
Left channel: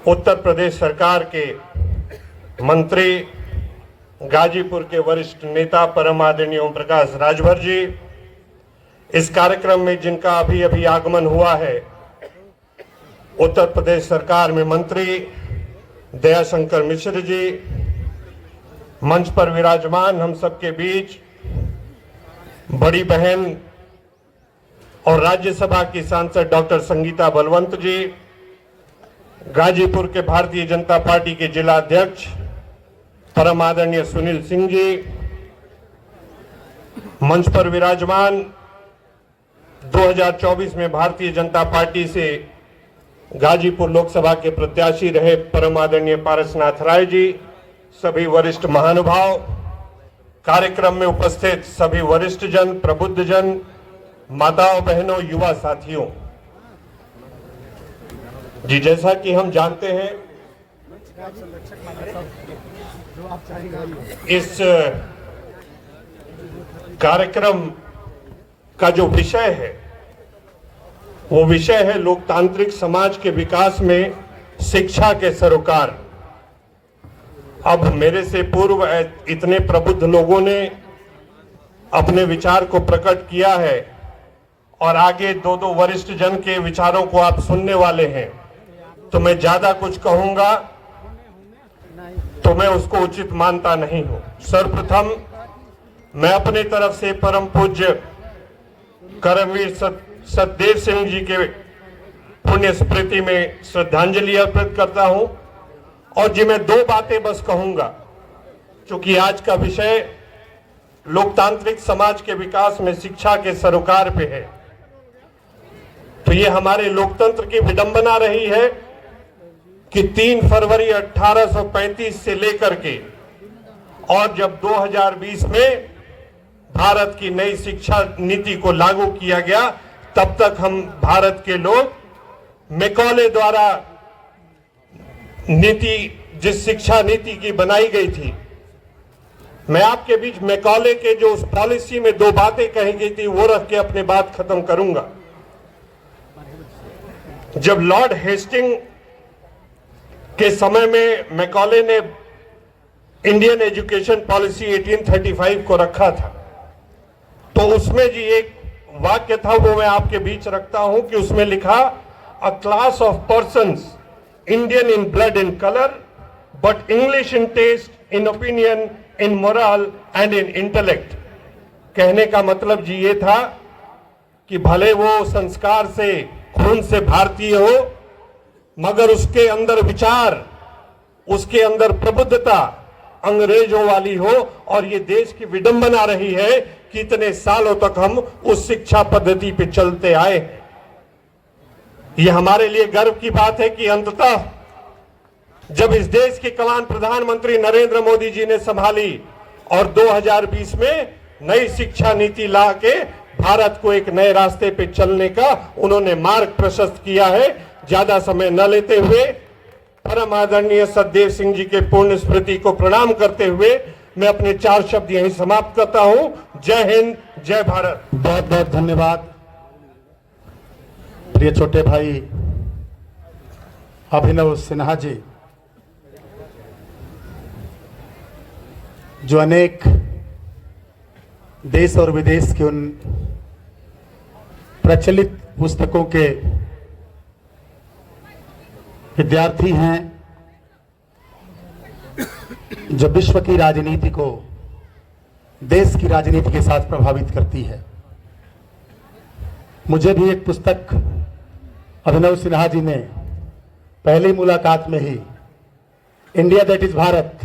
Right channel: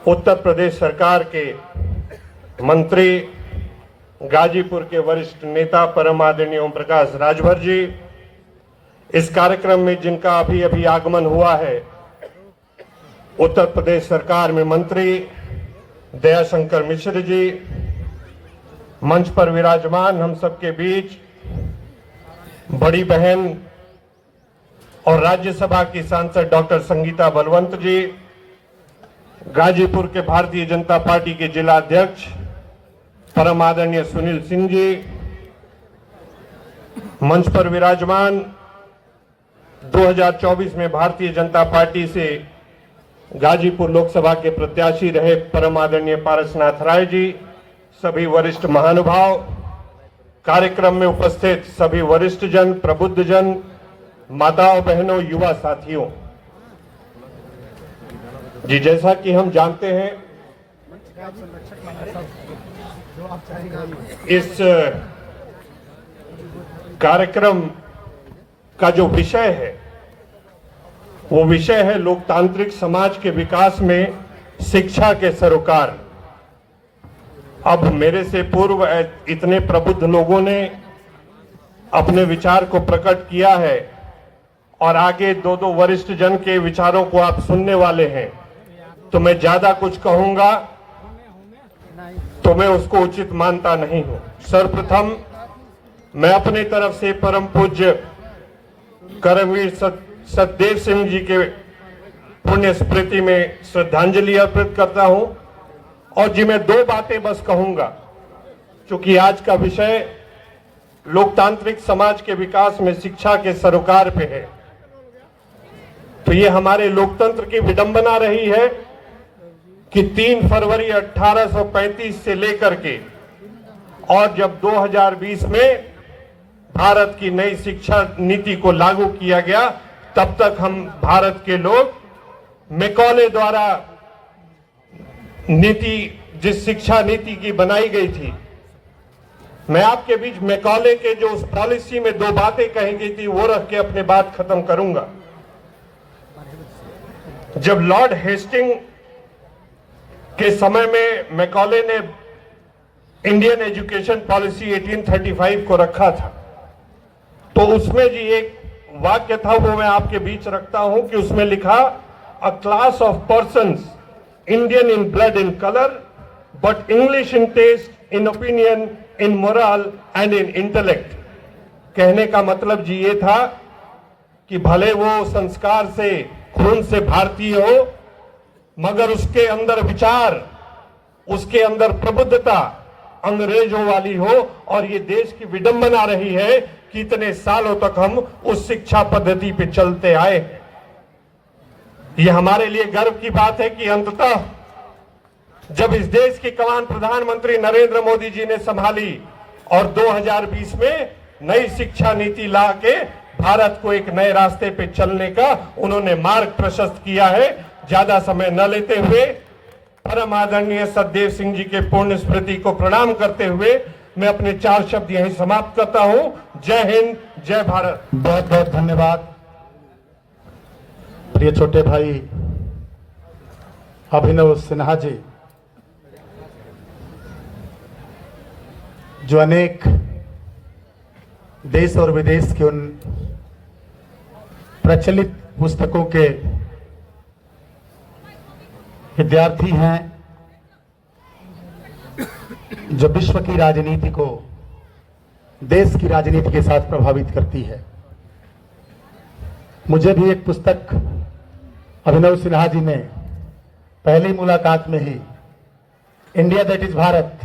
उत्तर प्रदेश सरकार के मंत्री, गाजीपुर के वरिष्ठ नेता परम आदरणीय ओम प्रकाश राजभर जी, इस कार्यक्रम में जिनका अभी अभी आगमन हुआ है, उत्तर प्रदेश सरकार में मंत्री दयाशंकर मिश्र जी, मंच पर विराजमान हम सबके बीच बड़ी बहन और राज्यसभा की सांसद डॉक्टर संगीता बलवंत जी, गाजीपुर के भारतीय जनता पार्टी के जिला अध्यक्ष परम आदरणीय सुनील सिंह जी, मंच पर विराजमान 2024 में भारतीय जनता पार्टी से गाजीपुर लोकसभा के प्रत्याशी रहे परम आदरणीय पारसनाथ राय जी, सभी वरिष्ठ महानुभाव, कार्यक्रम में उपस्थित सभी वरिष्ठ जन, प्रबुद्ध जन, माताओं बहनों, युवा साथियों जी, जैसा कि हम जानते हैं इस कार्यक्रम का जो विषय है वो विषय है लोकतांत्रिक समाज के विकास में शिक्षा के सरोकार। अब मेरे से पूर्व इतने प्रबुद्ध लोगों ने अपने विचार को प्रकट किया है और आगे दो वरिष्ठ जन के विचारों को आप सुनने वाले हैं, तो मैं ज्यादा कुछ कहूंगा तो मैं उसको उचित मानता नहीं हूं। सर्वप्रथम मैं अपनी तरफ से परम पूज्य कर्मवीर सतदेव सिंह जी के पुण्य स्मृति में श्रद्धांजलि अर्पित करता हूं और जी मैं दो बातें बस कहूंगा, क्योंकि आज का विषय लोकतांत्रिक समाज के विकास में शिक्षा के सरोकार पे है। तो ये हमारे लोकतंत्र की विडंबना रही है कि 3 फरवरी 1835 से लेकर के और जब 2020 में भारत की नई शिक्षा नीति को लागू किया गया, तब तक हम भारत के लोग मैकॉले द्वारा नीति, जिस शिक्षा नीति की बनाई गई थी, मैं आपके बीच मैकॉले के जो उस पॉलिसी में 2 बातें कही गई थी वो रख के अपनी बात खत्म करूंगा। जब लॉर्ड हेस्टिंग के समय में मैकॉले ने इंडियन एजुकेशन पॉलिसी 1835 को रखा था, तो उसमें जी एक वाक्य था, वो मैं आपके बीच रखता हूं कि उसमें लिखा, a class of persons Indian in blood in colour but English in taste in opinion in moral and in intellect. कहने का मतलब जी ये था कि भले वो संस्कार से, खून से भारतीय हो, मगर उसके अंदर विचार, उसके अंदर प्रबुद्धता अंग्रेजों वाली हो। और ये देश की विडंबना रही है कि इतने सालों तक हम उस शिक्षा पद्धति पे चलते आए। ये हमारे लिए गर्व की बात है कि अंततः जब इस देश की कमान प्रधानमंत्री नरेंद्र मोदी जी ने संभाली और 2020 में नई शिक्षा नीति ला के भारत को एक नए रास्ते पे चलने का उन्होंने मार्ग प्रशस्त किया है। ज्यादा समय न लेते हुए परम आदरणीय सतदेव सिंह जी के पुण्य स्मृति को प्रणाम करते हुए मैं अपने 4 शब्द यहीं समाप्त करता हूं। जय हिंद, जय भारत। बहुत बहुत धन्यवाद प्रिय छोटे भाई अभिनव सिन्हा जी, जो अनेक देश और विदेश के उन प्रचलित पुस्तकों के विद्यार्थी हैं जो विश्व की राजनीति को देश की राजनीति के साथ प्रभावित करती है। मुझे भी एक पुस्तक अभिनव सिन्हा जी ने पहली मुलाकात में ही, इंडिया दैट इज भारत,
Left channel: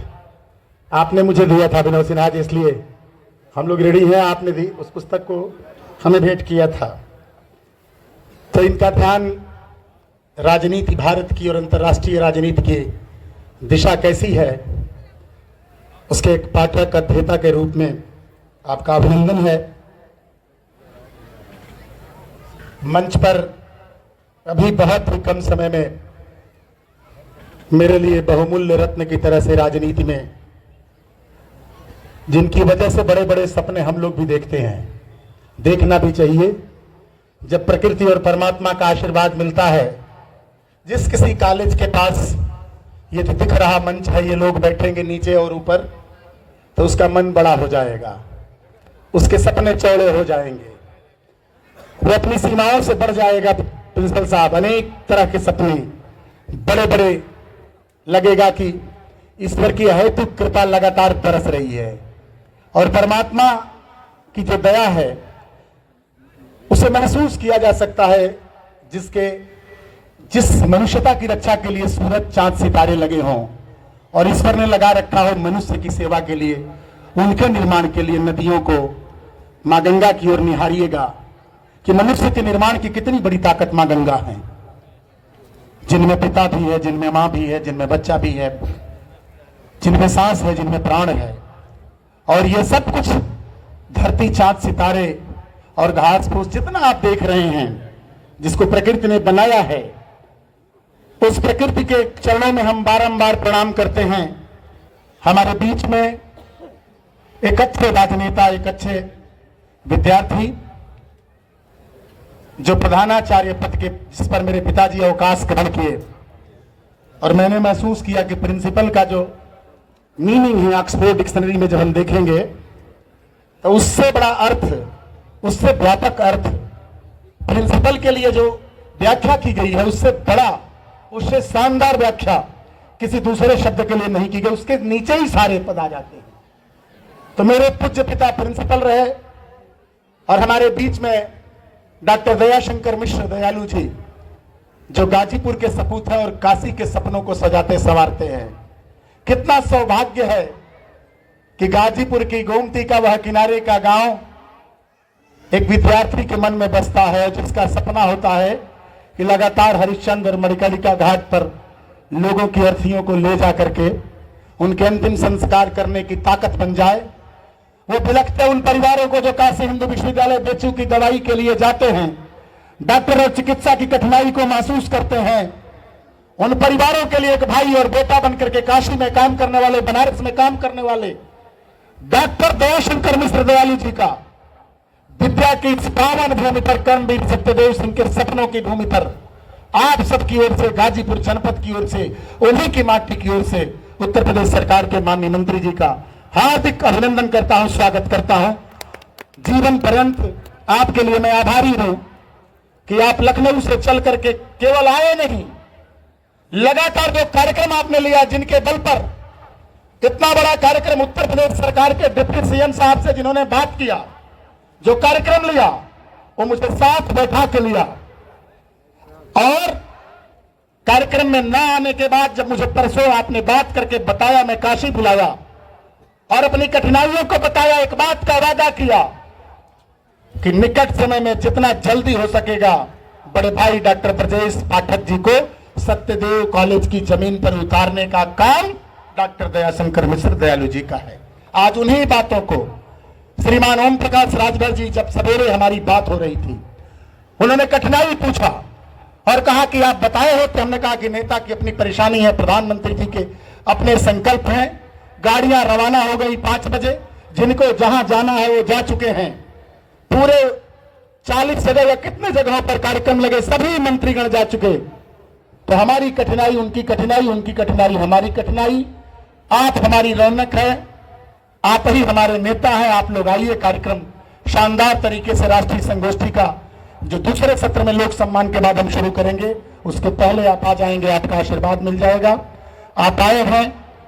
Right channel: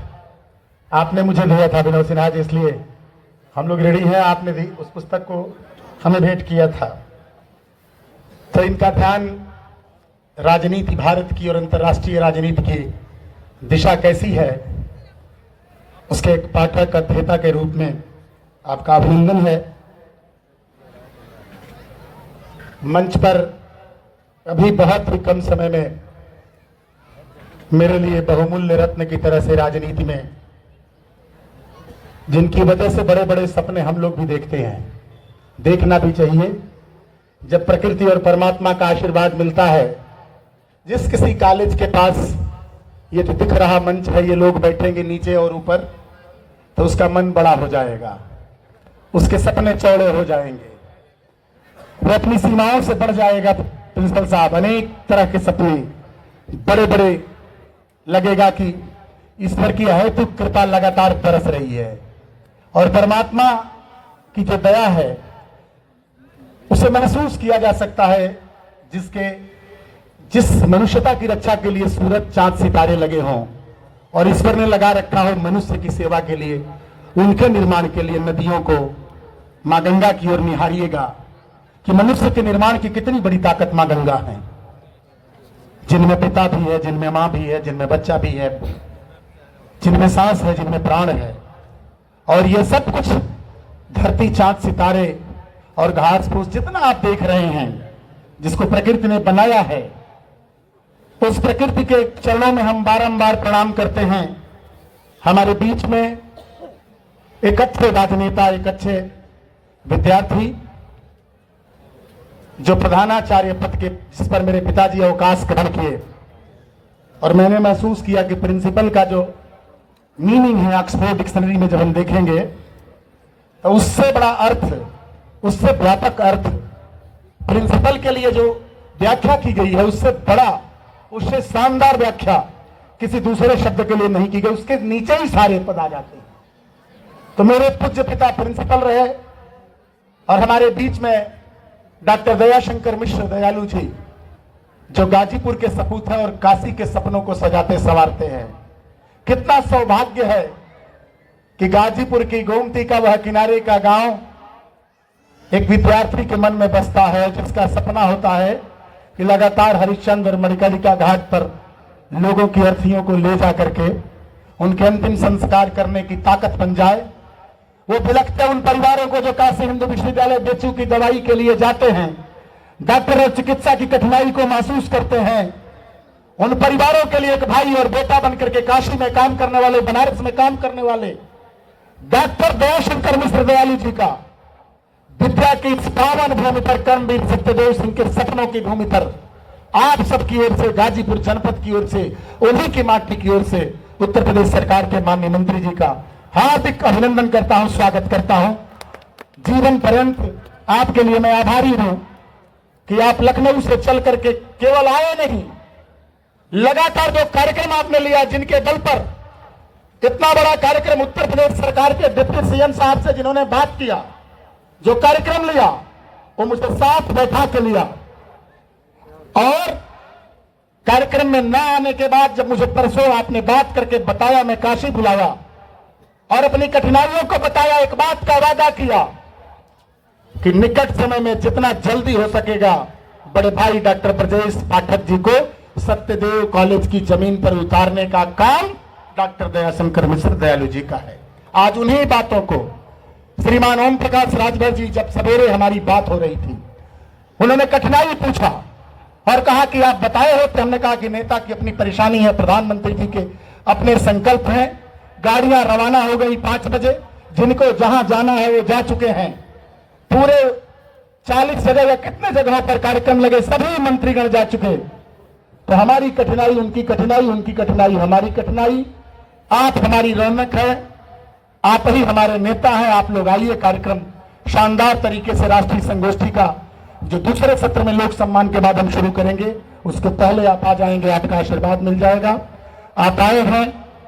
आपने मुझे दिया था अभिनव सिन्हा जी, इसलिए हम लोग रेडी हैं, आपने भी उस पुस्तक को हमें भेंट किया था। तो इनका ध्यान राजनीति भारत की और अंतर्राष्ट्रीय राजनीति की दिशा कैसी है, उसके एक पाठक अध्येता के रूप में आपका अभिनंदन है। मंच पर अभी बहुत ही कम समय में मेरे लिए बहुमूल्य रत्न की तरह से राजनीति में, जिनकी वजह से बड़े बड़े सपने हम लोग भी देखते हैं, देखना भी चाहिए। जब प्रकृति और परमात्मा का आशीर्वाद मिलता है, जिस किसी कॉलेज के पास ये जो दिख रहा मंच है, ये लोग बैठेंगे नीचे और ऊपर, तो उसका मन बड़ा हो जाएगा, उसके सपने चौड़े हो जाएंगे, वो अपनी सीमाओं से बढ़ जाएगा। प्रिंसिपल साहब, अनेक तरह के सपने बड़े बड़े, लगेगा कि ईश्वर की अहेतुक कृपा लगातार बरस रही है और परमात्मा की जो दया है उसे महसूस किया जा सकता है, जिस मनुष्यता की रक्षा के लिए सूरज चांद सितारे लगे हों और ईश्वर ने लगा रखा है मनुष्य की सेवा के लिए, उनके निर्माण के लिए नदियों को मां गंगा की ओर निहारिएगा कि मनुष्य के निर्माण की कितनी बड़ी ताकत मां गंगा है, जिनमें पिता भी है, जिनमें मां भी है, जिनमें बच्चा भी है, जिनमें सांस है, जिनमें प्राण है। और ये सब कुछ धरती, चांद, सितारे और घास फूस जितना आप देख रहे हैं, जिसको प्रकृति ने बनाया है, उस प्रकृति के चरणों में हम बारंबार प्रणाम करते हैं। हमारे बीच में एक अच्छे राजनेता, एक अच्छे विद्यार्थी, जो प्रधानाचार्य पद के, जिस पर मेरे पिताजी अवकाश ग्रहण किए, और मैंने महसूस किया कि प्रिंसिपल का जो मीनिंग है ऑक्सफोर्ड डिक्शनरी में जब हम देखेंगे तो उससे बड़ा अर्थ, उससे व्यापक अर्थ प्रिंसिपल के लिए जो व्याख्या की गई है, उससे बड़ा, उससे शानदार व्याख्या किसी दूसरे शब्द के लिए नहीं की गई। उसके नीचे ही सारे पद आ जाते हैं। तो मेरे पूज्य पिता प्रिंसिपल रहे, और हमारे बीच में डॉक्टर दयाशंकर मिश्र दयालु जी, जो गाजीपुर के सपूत हैं और काशी के सपनों को सजाते संवारते हैं। कितना सौभाग्य है कि गाजीपुर की गोमती का वह किनारे का गांव एक विद्यार्थी के मन में बसता है, जिसका सपना होता है कि लगातार हरिश्चंद्र मणिकर्णिका घाट पर लोगों की अर्थियों को ले जा करके उनके अंतिम संस्कार करने की ताकत बन जाए। वो बिलखते उन परिवारों को जो काशी हिंदू विश्वविद्यालय बेचू की दवाई के लिए जाते हैं, डॉक्टर और चिकित्सा की कठिनाई को महसूस करते हैं, उन परिवारों के लिए एक भाई और बेटा बनकर के काशी में काम करने वाले, बनारस में काम करने वाले डॉक्टर दयाशंकर मिश्र दयालु जी का विद्या की इस पावन भूमि पर, कर्मवीर सत्यदेव सिंह के सपनों की भूमि पर आप सबकी ओर से, गाजीपुर जनपद की ओर से, उन्हीं की माटी की ओर से उत्तर प्रदेश सरकार के माननीय मंत्री जी का हार्दिक अभिनंदन करता हूं, स्वागत करता हूं। जीवन पर्यंत आपके लिए मैं आभारी हूं कि आप लखनऊ से चल करके केवल आए नहीं, लगातार जो कार्यक्रम आपने लिया, जिनके बल पर कितना बड़ा कार्यक्रम उत्तर प्रदेश सरकार के डिप्टी सीएम साहब से जिन्होंने बात किया, जो कार्यक्रम लिया, वो मुझे साथ बैठा के लिया। और कार्यक्रम में न आने के बाद जब मुझे परसों आपने बात करके बताया, मैं काशी बुलाया और अपनी कठिनाइयों को बताया, एक बात का वादा किया कि निकट समय में जितना जल्दी हो सकेगा बड़े भाई डॉक्टर ब्रजेश पाठक जी को सत्यदेव कॉलेज की जमीन पर उतारने का काम डॉक्टर दयाशंकर मिश्र दयालु जी का है। आज उन्हीं बातों को श्रीमान ओम प्रकाश राजभर जी, जब सवेरे हमारी बात हो रही थी, उन्होंने कठिनाई पूछा और कहा कि आप बताए होते। हमने कहा कि नेता की अपनी परेशानी है, प्रधानमंत्री जी के अपने संकल्प हैं। गाड़ियां रवाना हो गई 5 बजे, जिनको जहां जाना है वो जा चुके हैं। पूरे 40 जगह या कितने जगहों पर कार्यक्रम लगे, सभी मंत्रीगण जा चुके। तो हमारी कठिनाई उनकी कठिनाई, उनकी कठिनाई हमारी कठिनाई। आप हमारी रौनक है, आप ही हमारे नेता हैं। आप लोग आइए, कार्यक्रम शानदार तरीके से राष्ट्रीय संगोष्ठी का जो दूसरे सत्र में लोक सम्मान के बाद हम शुरू करेंगे, उसके पहले आप आ जाएंगे, आपका आशीर्वाद मिल जाएगा। आप आए हैं,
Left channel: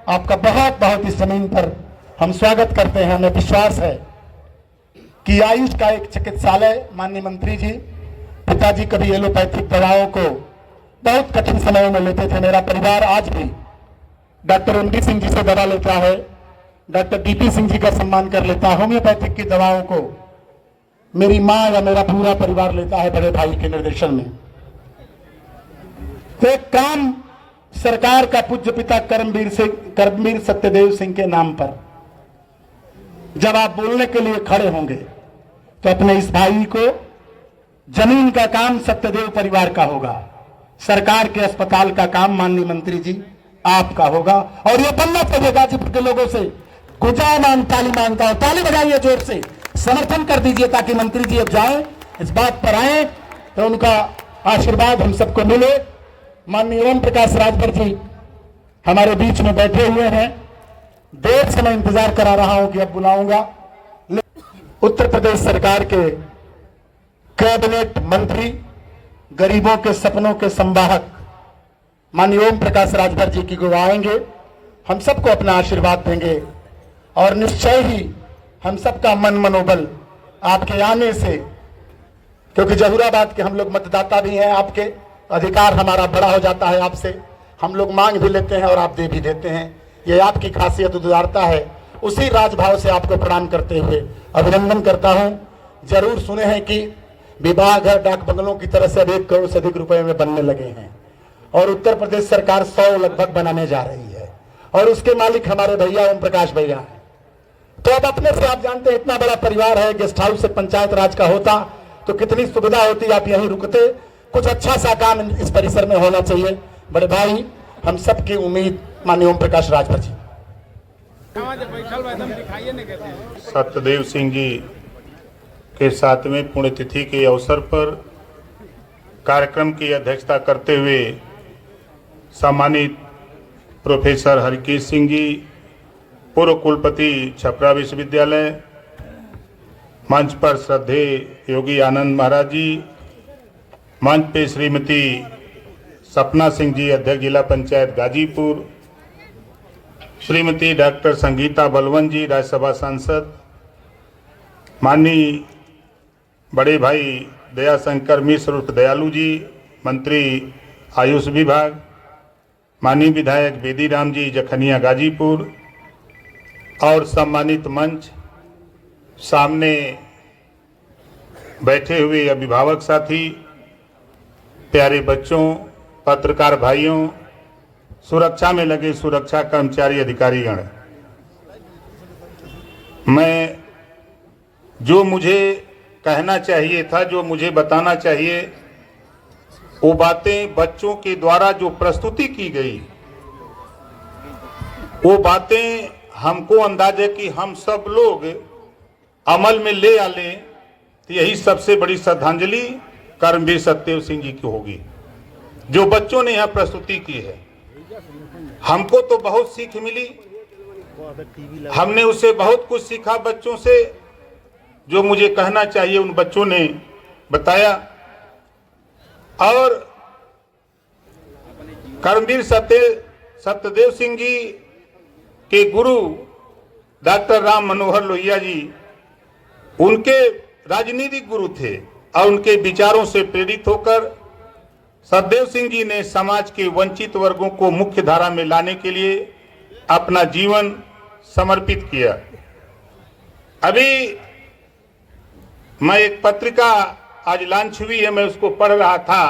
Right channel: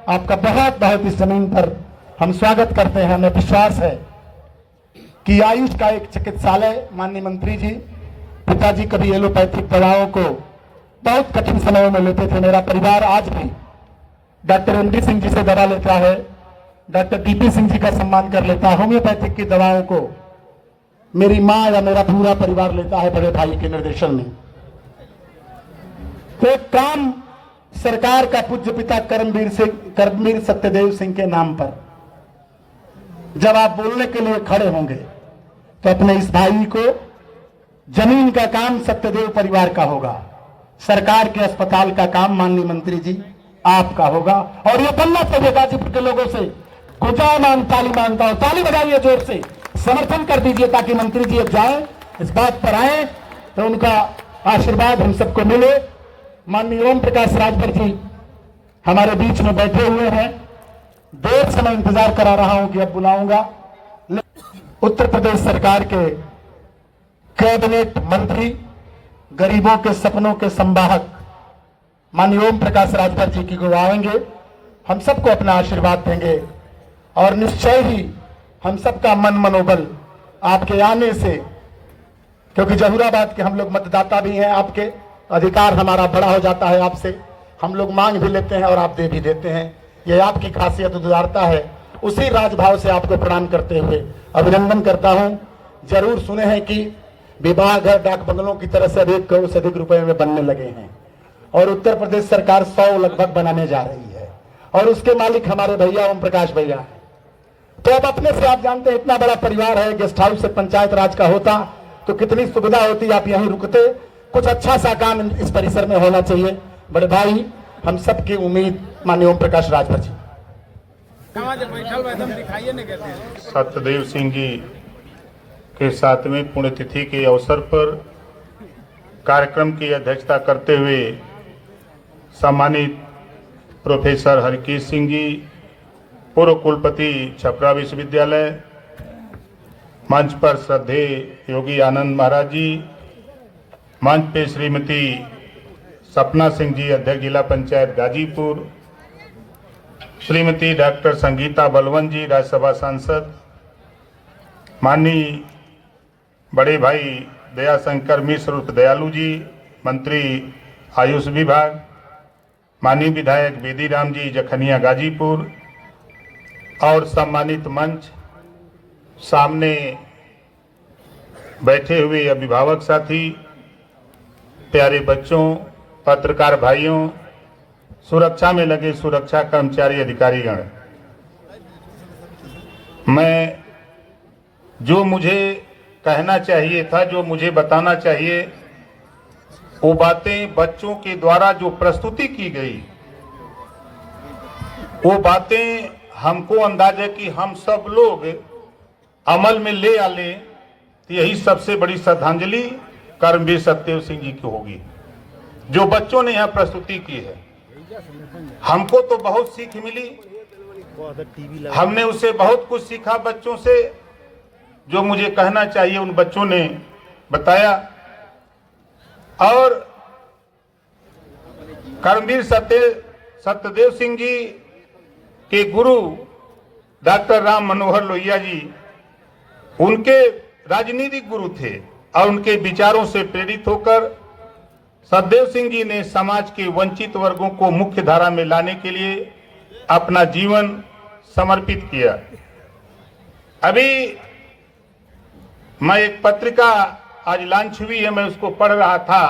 आपका बहुत बहुत इस जमीन पर हम स्वागत करते हैं। हमें विश्वास है कि आयुष का एक चिकित्सालय, माननीय मंत्री जी, पिताजी कभी एलोपैथिक दवाओं को बहुत कठिन समयों में लेते थे। मेरा परिवार आज भी डॉक्टर एमडी सिंह जी से दवा लेता है, डॉक्टर डीपी सिंह जी का सम्मान कर लेता है। होम्योपैथिक की दवाओं को मेरी मां या मेरा पूरा परिवार लेता है बड़े भाई के निर्देशन में। तो एक काम सरकार का पूज्य पिता कर्मवीर सत्यदेव सिंह के नाम पर जब आप बोलने के लिए खड़े होंगे तो अपने इस भाई को, जमीन का काम सत्यदेव परिवार का होगा, सरकार के अस्पताल का काम माननीय मंत्री जी आपका होगा। और ये बनना चाहिए गाजीपुर के लोगों से। गुजामान ताली मांगता हूं, ताली बजाइए जोर से, समर्थन कर दीजिए ताकि मंत्री जी अब जाएं, इस बात पर आए तो उनका आशीर्वाद हम सबको मिले। माननीय ओम प्रकाश राजभर जी हमारे बीच में बैठे हुए हैं। देर से मैं इंतजार करा रहा हूं कि अब बुलाऊंगा। उत्तर प्रदेश सरकार के कैबिनेट मंत्री, गरीबों के सपनों के संवाहक माननीय ओम प्रकाश राजभर जी की को आएंगे, हम सबको अपना आशीर्वाद देंगे और निश्चय ही हम सबका मन मनोबल आपके आने से, क्योंकि जहूराबाद के हम लोग मतदाता भी हैं, आपके अधिकार हमारा बड़ा हो जाता है आपसे। हम लोग मांग भी लेते हैं और आप दे भी देते हैं। ये आपकी खासियत उदारता है। उसी राजभाव से आपको प्रणाम करते हुए अभिनंदन करता हूं। जरूर सुने हैं कि विभाग है डाक बंगलों की तरफ से अब 1 करोड़ से अधिक रुपए में बनने लगे हैं और उत्तर प्रदेश सरकार 100 लगभग बनाने जा रही है और उसके मालिक हमारे भैया ओम प्रकाश भैया हैं। तो अब अपने से आप जानते हैं इतना बड़ा परिवार है, गेस्ट हाउस से पंचायत राज का होता तो कितनी सुविधा होती, आप यहीं रुकते। कुछ अच्छा सा काम इस परिसर में होना चाहिए। बड़े भाई हम सबकी उम्मीद माननीय ओम प्रकाश राजभर जी। सत्यदेव सिंह जी के 7वें पुण्यतिथि के अवसर पर कार्यक्रम की अध्यक्षता करते हुए सम्मानित प्रोफेसर हरकेश सिंह जी, पूर्व कुलपति छपरा विश्वविद्यालय, मंच पर श्रद्धेय योगी आनंद महाराज जी, मंच पे श्रीमती सपना सिंह जी, अध्यक्ष जिला पंचायत गाजीपुर, श्रीमती डॉक्टर संगीता बलवंत जी, राज्यसभा सांसद, माननीय बड़े भाई दयाशंकर मिश्र उर्फ दयालु जी, मंत्री आयुष विभाग, माननीय विधायक बेदी राम जी, जखनिया गाजीपुर, और सम्मानित मंच, सामने बैठे हुए अभिभावक साथी, प्यारे बच्चों, पत्रकार भाइयों, सुरक्षा में लगे सुरक्षा कर्मचारी अधिकारीगण, मैं जो मुझे कहना चाहिए था, जो मुझे बताना चाहिए, वो बातें बच्चों के द्वारा जो प्रस्तुति की गई, वो बातें हमको अंदाज है कि हम सब लोग अमल में ले आ लें तो यही सबसे बड़ी श्रद्धांजलि कर्मवीर सत्यदेव सिंह जी की होगी, जो बच्चों ने यह प्रस्तुति की है। हमको तो बहुत सीख मिली, हमने उससे बहुत कुछ सीखा बच्चों से। जो मुझे कहना चाहिए उन बच्चों ने बताया, और कर्मवीर सत्यदेव सिंह जी के गुरु डॉक्टर राम मनोहर लोहिया जी उनके राजनीतिक गुरु थे, और उनके विचारों से प्रेरित होकर सत्यदेव सिंह जी ने समाज के वंचित वर्गों को मुख्य धारा में लाने के लिए अपना जीवन समर्पित किया। अभी मैं एक पत्रिका आज लॉन्च हुई है, मैं उसको पढ़ रहा था।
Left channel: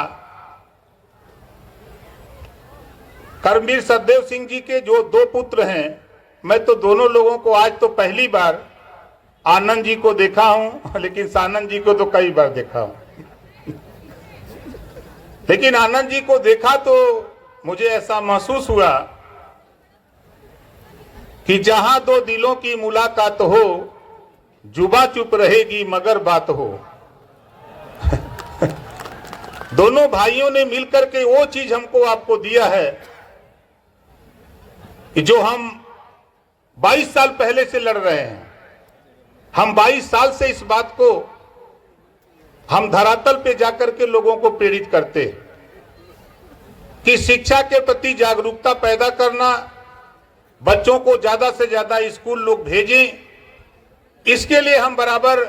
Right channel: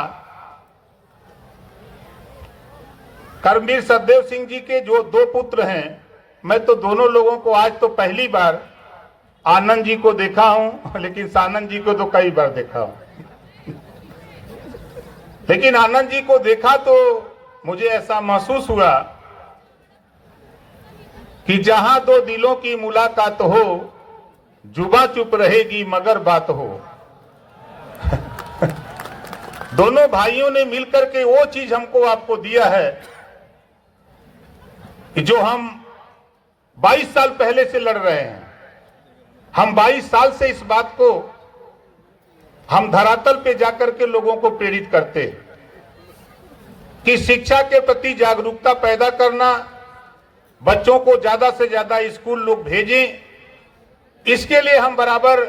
कर्मवीर सत्यदेव सिंह जी के जो 2 पुत्र हैं, मैं तो दोनों लोगों को आज तो पहली बार आनंद जी को देखा हूं, लेकिन सानंद जी को तो कई बार देखा हूं। लेकिन आनंद जी को देखा तो मुझे ऐसा महसूस हुआ कि जहां 2 दिलों की मुलाकात हो, जुबां चुप रहेगी मगर बात हो। दोनों भाइयों ने मिलकर के वो चीज हमको आपको दिया है कि जो हम 22 साल पहले से लड़ रहे हैं। हम 22 साल से इस बात को हम धरातल पे जाकर के लोगों को प्रेरित करते कि शिक्षा के प्रति जागरूकता पैदा करना, बच्चों को ज्यादा से ज्यादा स्कूल लोग भेजें, इसके लिए हम बराबर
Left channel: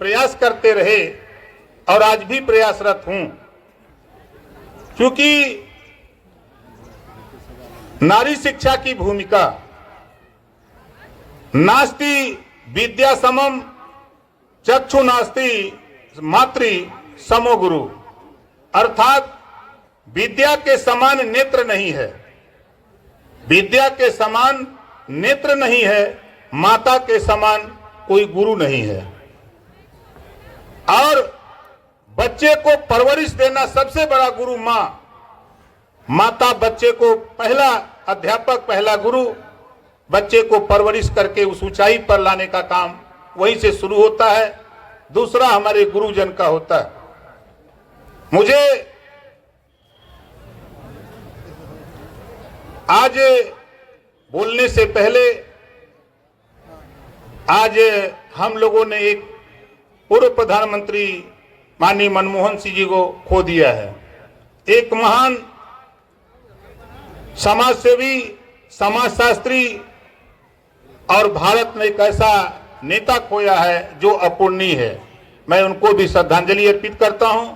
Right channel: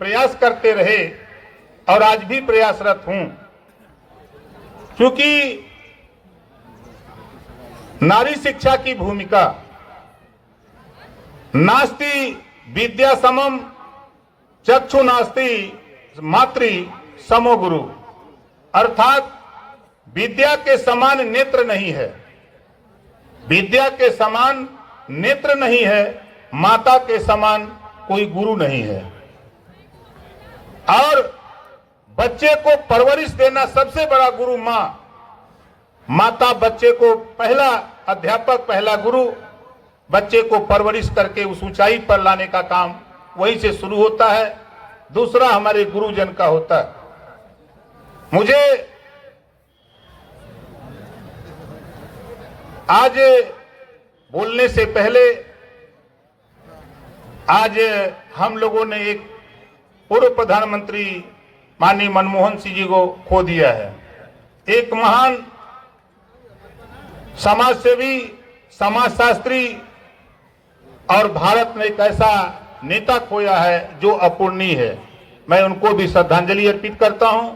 प्रयास करते रहे और आज भी प्रयासरत हूं। क्योंकि नारी शिक्षा की भूमिका, नास्ति विद्या समम चक्षु नास्ति मातृ समो गुरु, अर्थात विद्या के समान नेत्र नहीं है, विद्या के समान नेत्र नहीं है, माता के समान कोई गुरु नहीं है। और बच्चे को परवरिश देना सबसे बड़ा गुरु मां, माता बच्चे को पहला अध्यापक, पहला गुरु, बच्चे को परवरिश करके उस ऊंचाई पर लाने का काम वहीं से शुरू होता है। दूसरा हमारे गुरुजन का होता है। मुझे आज बोलने से पहले आज हम लोगों ने एक पूर्व प्रधानमंत्री माननीय मनमोहन सिंह जी को खो दिया है। एक महान समाजसेवी, समाजशास्त्री और भारत में एक ऐसा नेता खोया है जो अपूर्णीय है। मैं उनको भी श्रद्धांजलि अर्पित करता हूं,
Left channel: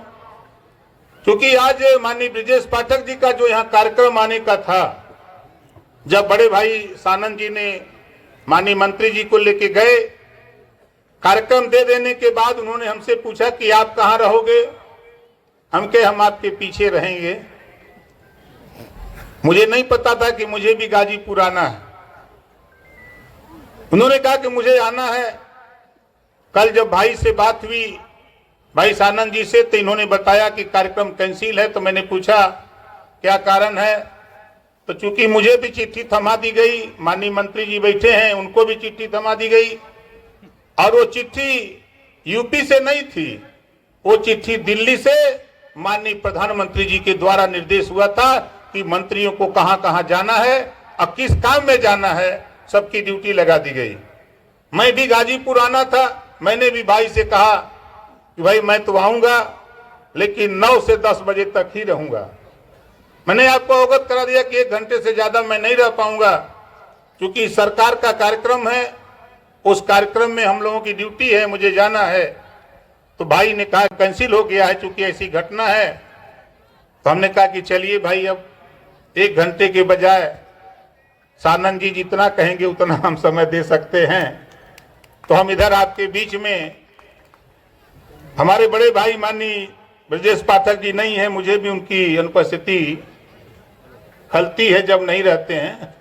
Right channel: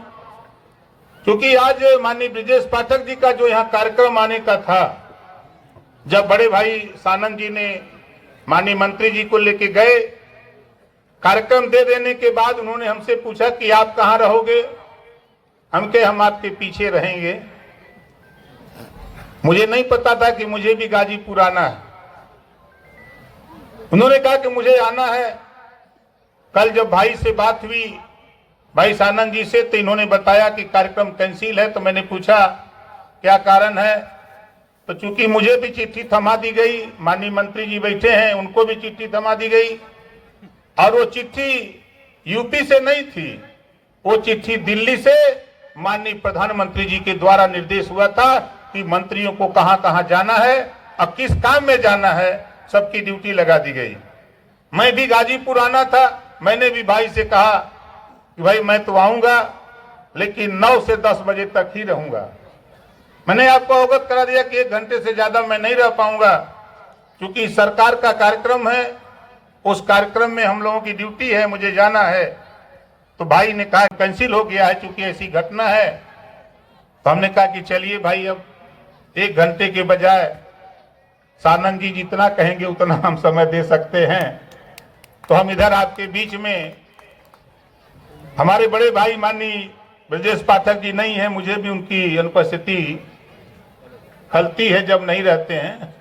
क्योंकि आज माननीय ब्रिजेश पाठक जी का जो यहाँ कार्यक्रम आने का था, जब बड़े भाई सानंद जी ने माननीय मंत्री जी को लेके गए, कार्यक्रम दे देने के बाद उन्होंने हमसे पूछा कि आप कहाँ रहोगे। हम कहे हम आपके पीछे रहेंगे। मुझे नहीं पता था कि मुझे भी गाजीपुर आना है। उन्होंने कहा कि मुझे आना है। कल जब भाई से बात हुई, भाई सानंद जी से, तो इन्होंने बताया कि कार्यक्रम कैंसिल है। तो मैंने पूछा क्या कारण है। तो चूंकि मुझे भी चिट्ठी थमा दी गई, माननीय मंत्री जी बैठे हैं, उनको भी चिट्ठी थमा दी गई, और वो चिट्ठी यूपी से नहीं थी, वो चिट्ठी दिल्ली से माननीय प्रधानमंत्री जी के द्वारा निर्देश हुआ था कि मंत्रियों को कहां कहां जाना है और किस काम में जाना है, सबकी ड्यूटी लगा दी गई। मैं भी गाजीपुर आना था, मैंने भी भाई से कहा कि भाई मैं तो आऊंगा लेकिन 9 से 10 बजे तक ही रहूंगा। मैंने आपको अवगत करा दिया कि 1 घंटे से ज्यादा मैं नहीं रह पाऊंगा, क्योंकि सरकार का कार्यक्रम है, उस कार्यक्रम में हम लोगों की ड्यूटी है, मुझे जाना है। तो भाई ने कहा कैंसिल हो गया है, चूंकि ऐसी घटना है। तो हमने कहा कि चलिए भाई, अब 1 घंटे के बजाय सानंद जी जितना कहेंगे उतना हम समय दे सकते हैं। तो हम इधर आपके बीच में, हमारे बड़े भाई माननीय ब्रजेश पाठक जी नहीं है, मुझे भी उनकी अनुपस्थिति खलती है जब नहीं रहते हैं।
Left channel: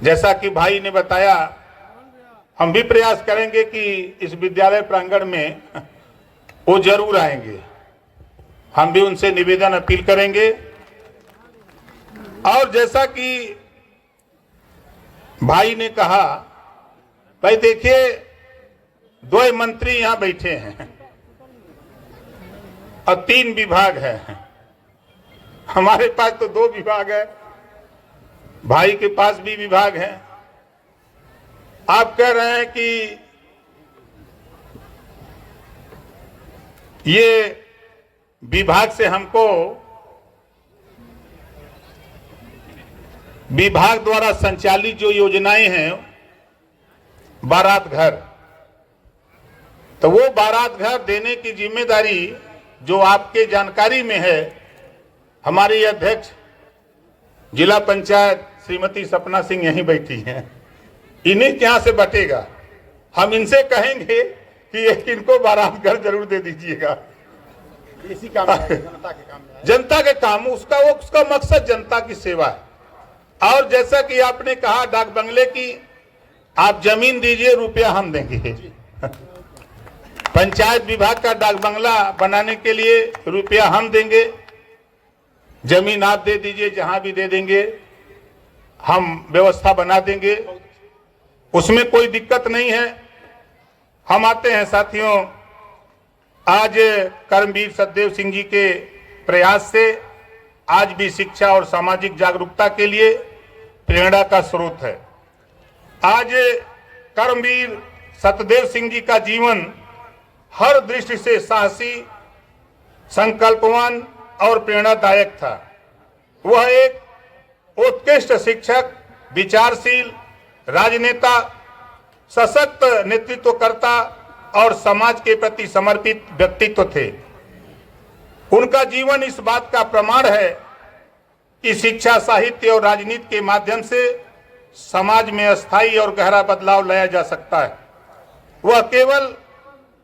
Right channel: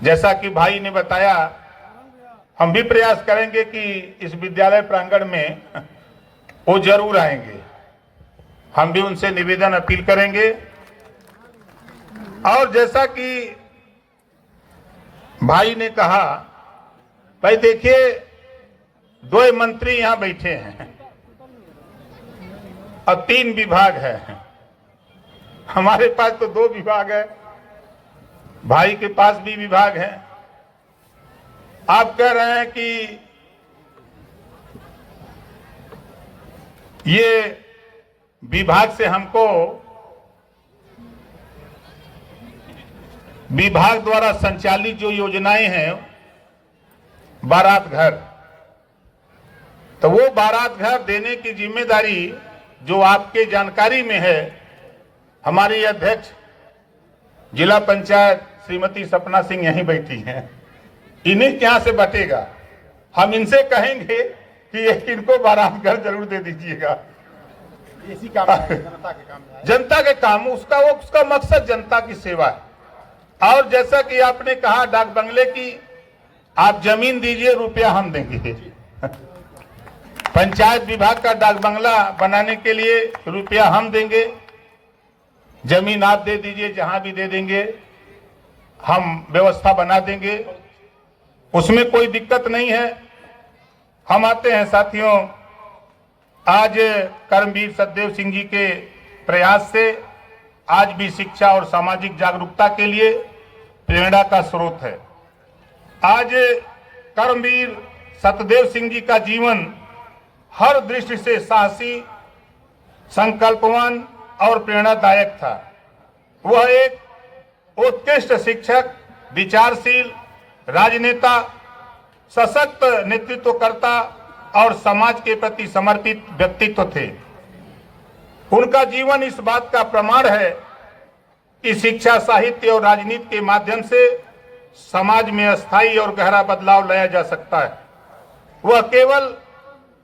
जैसा कि भाई ने बताया, हम भी प्रयास करेंगे कि इस विद्यालय प्रांगण में वो जरूर आएंगे। हम भी उनसे निवेदन अपील करेंगे। और जैसा कि भाई ने कहा, भाई देखिए 2 मंत्री यहां बैठे हैं और 3 विभाग है। हमारे पास तो 2 विभाग है, भाई के पास भी विभाग है। आप कह रहे हैं कि ये विभाग से हमको, विभाग द्वारा संचालित जो योजनाएं हैं, बारात घर, तो वो बारात घर देने की जिम्मेदारी जो आपके जानकारी में है, हमारी अध्यक्ष जिला पंचायत श्रीमती सपना सिंह यहीं बैठी हैं, इन्हीं के यहां से बटेगा। हम इनसे कहेंगे कि इनको बारात घर जरूर दे दीजिएगा। इसी काम, जनता के काम, उसका मकसद जनता की सेवा है। और जैसा कि आपने कहा डाक बंगले की, आप जमीन दीजिए, रुपया हम देंगे। पंचायत विभाग का डाक बंगला बनाने के लिए रुपया हम देंगे, जमीन आप दे दीजिए, जहां भी दे देंगे हम व्यवस्था बना देंगे, उसमें कोई दिक्कत नहीं है। हम आते हैं साथियों, आज कर्मवीर सतदेव सिंह जी के प्रयास से आज भी शिक्षा और सामाजिक जागरूकता के लिए प्रेरणा का स्रोत है। आज कर्मवीर सतदेव सिंह जी का जीवन हर दृष्टि से साहसी, संकल्पवान और प्रेरणादायक था। वह एक उत्कृष्ट शिक्षक, विचारशील राजनेता, सशक्त नेतृत्वकर्ता और समाज के प्रति समर्पित व्यक्तित्व थे। उनका जीवन इस बात का प्रमाण है कि शिक्षा, साहित्य और राजनीति के माध्यम से समाज में स्थायी और गहरा बदलाव लाया जा सकता है। वह केवल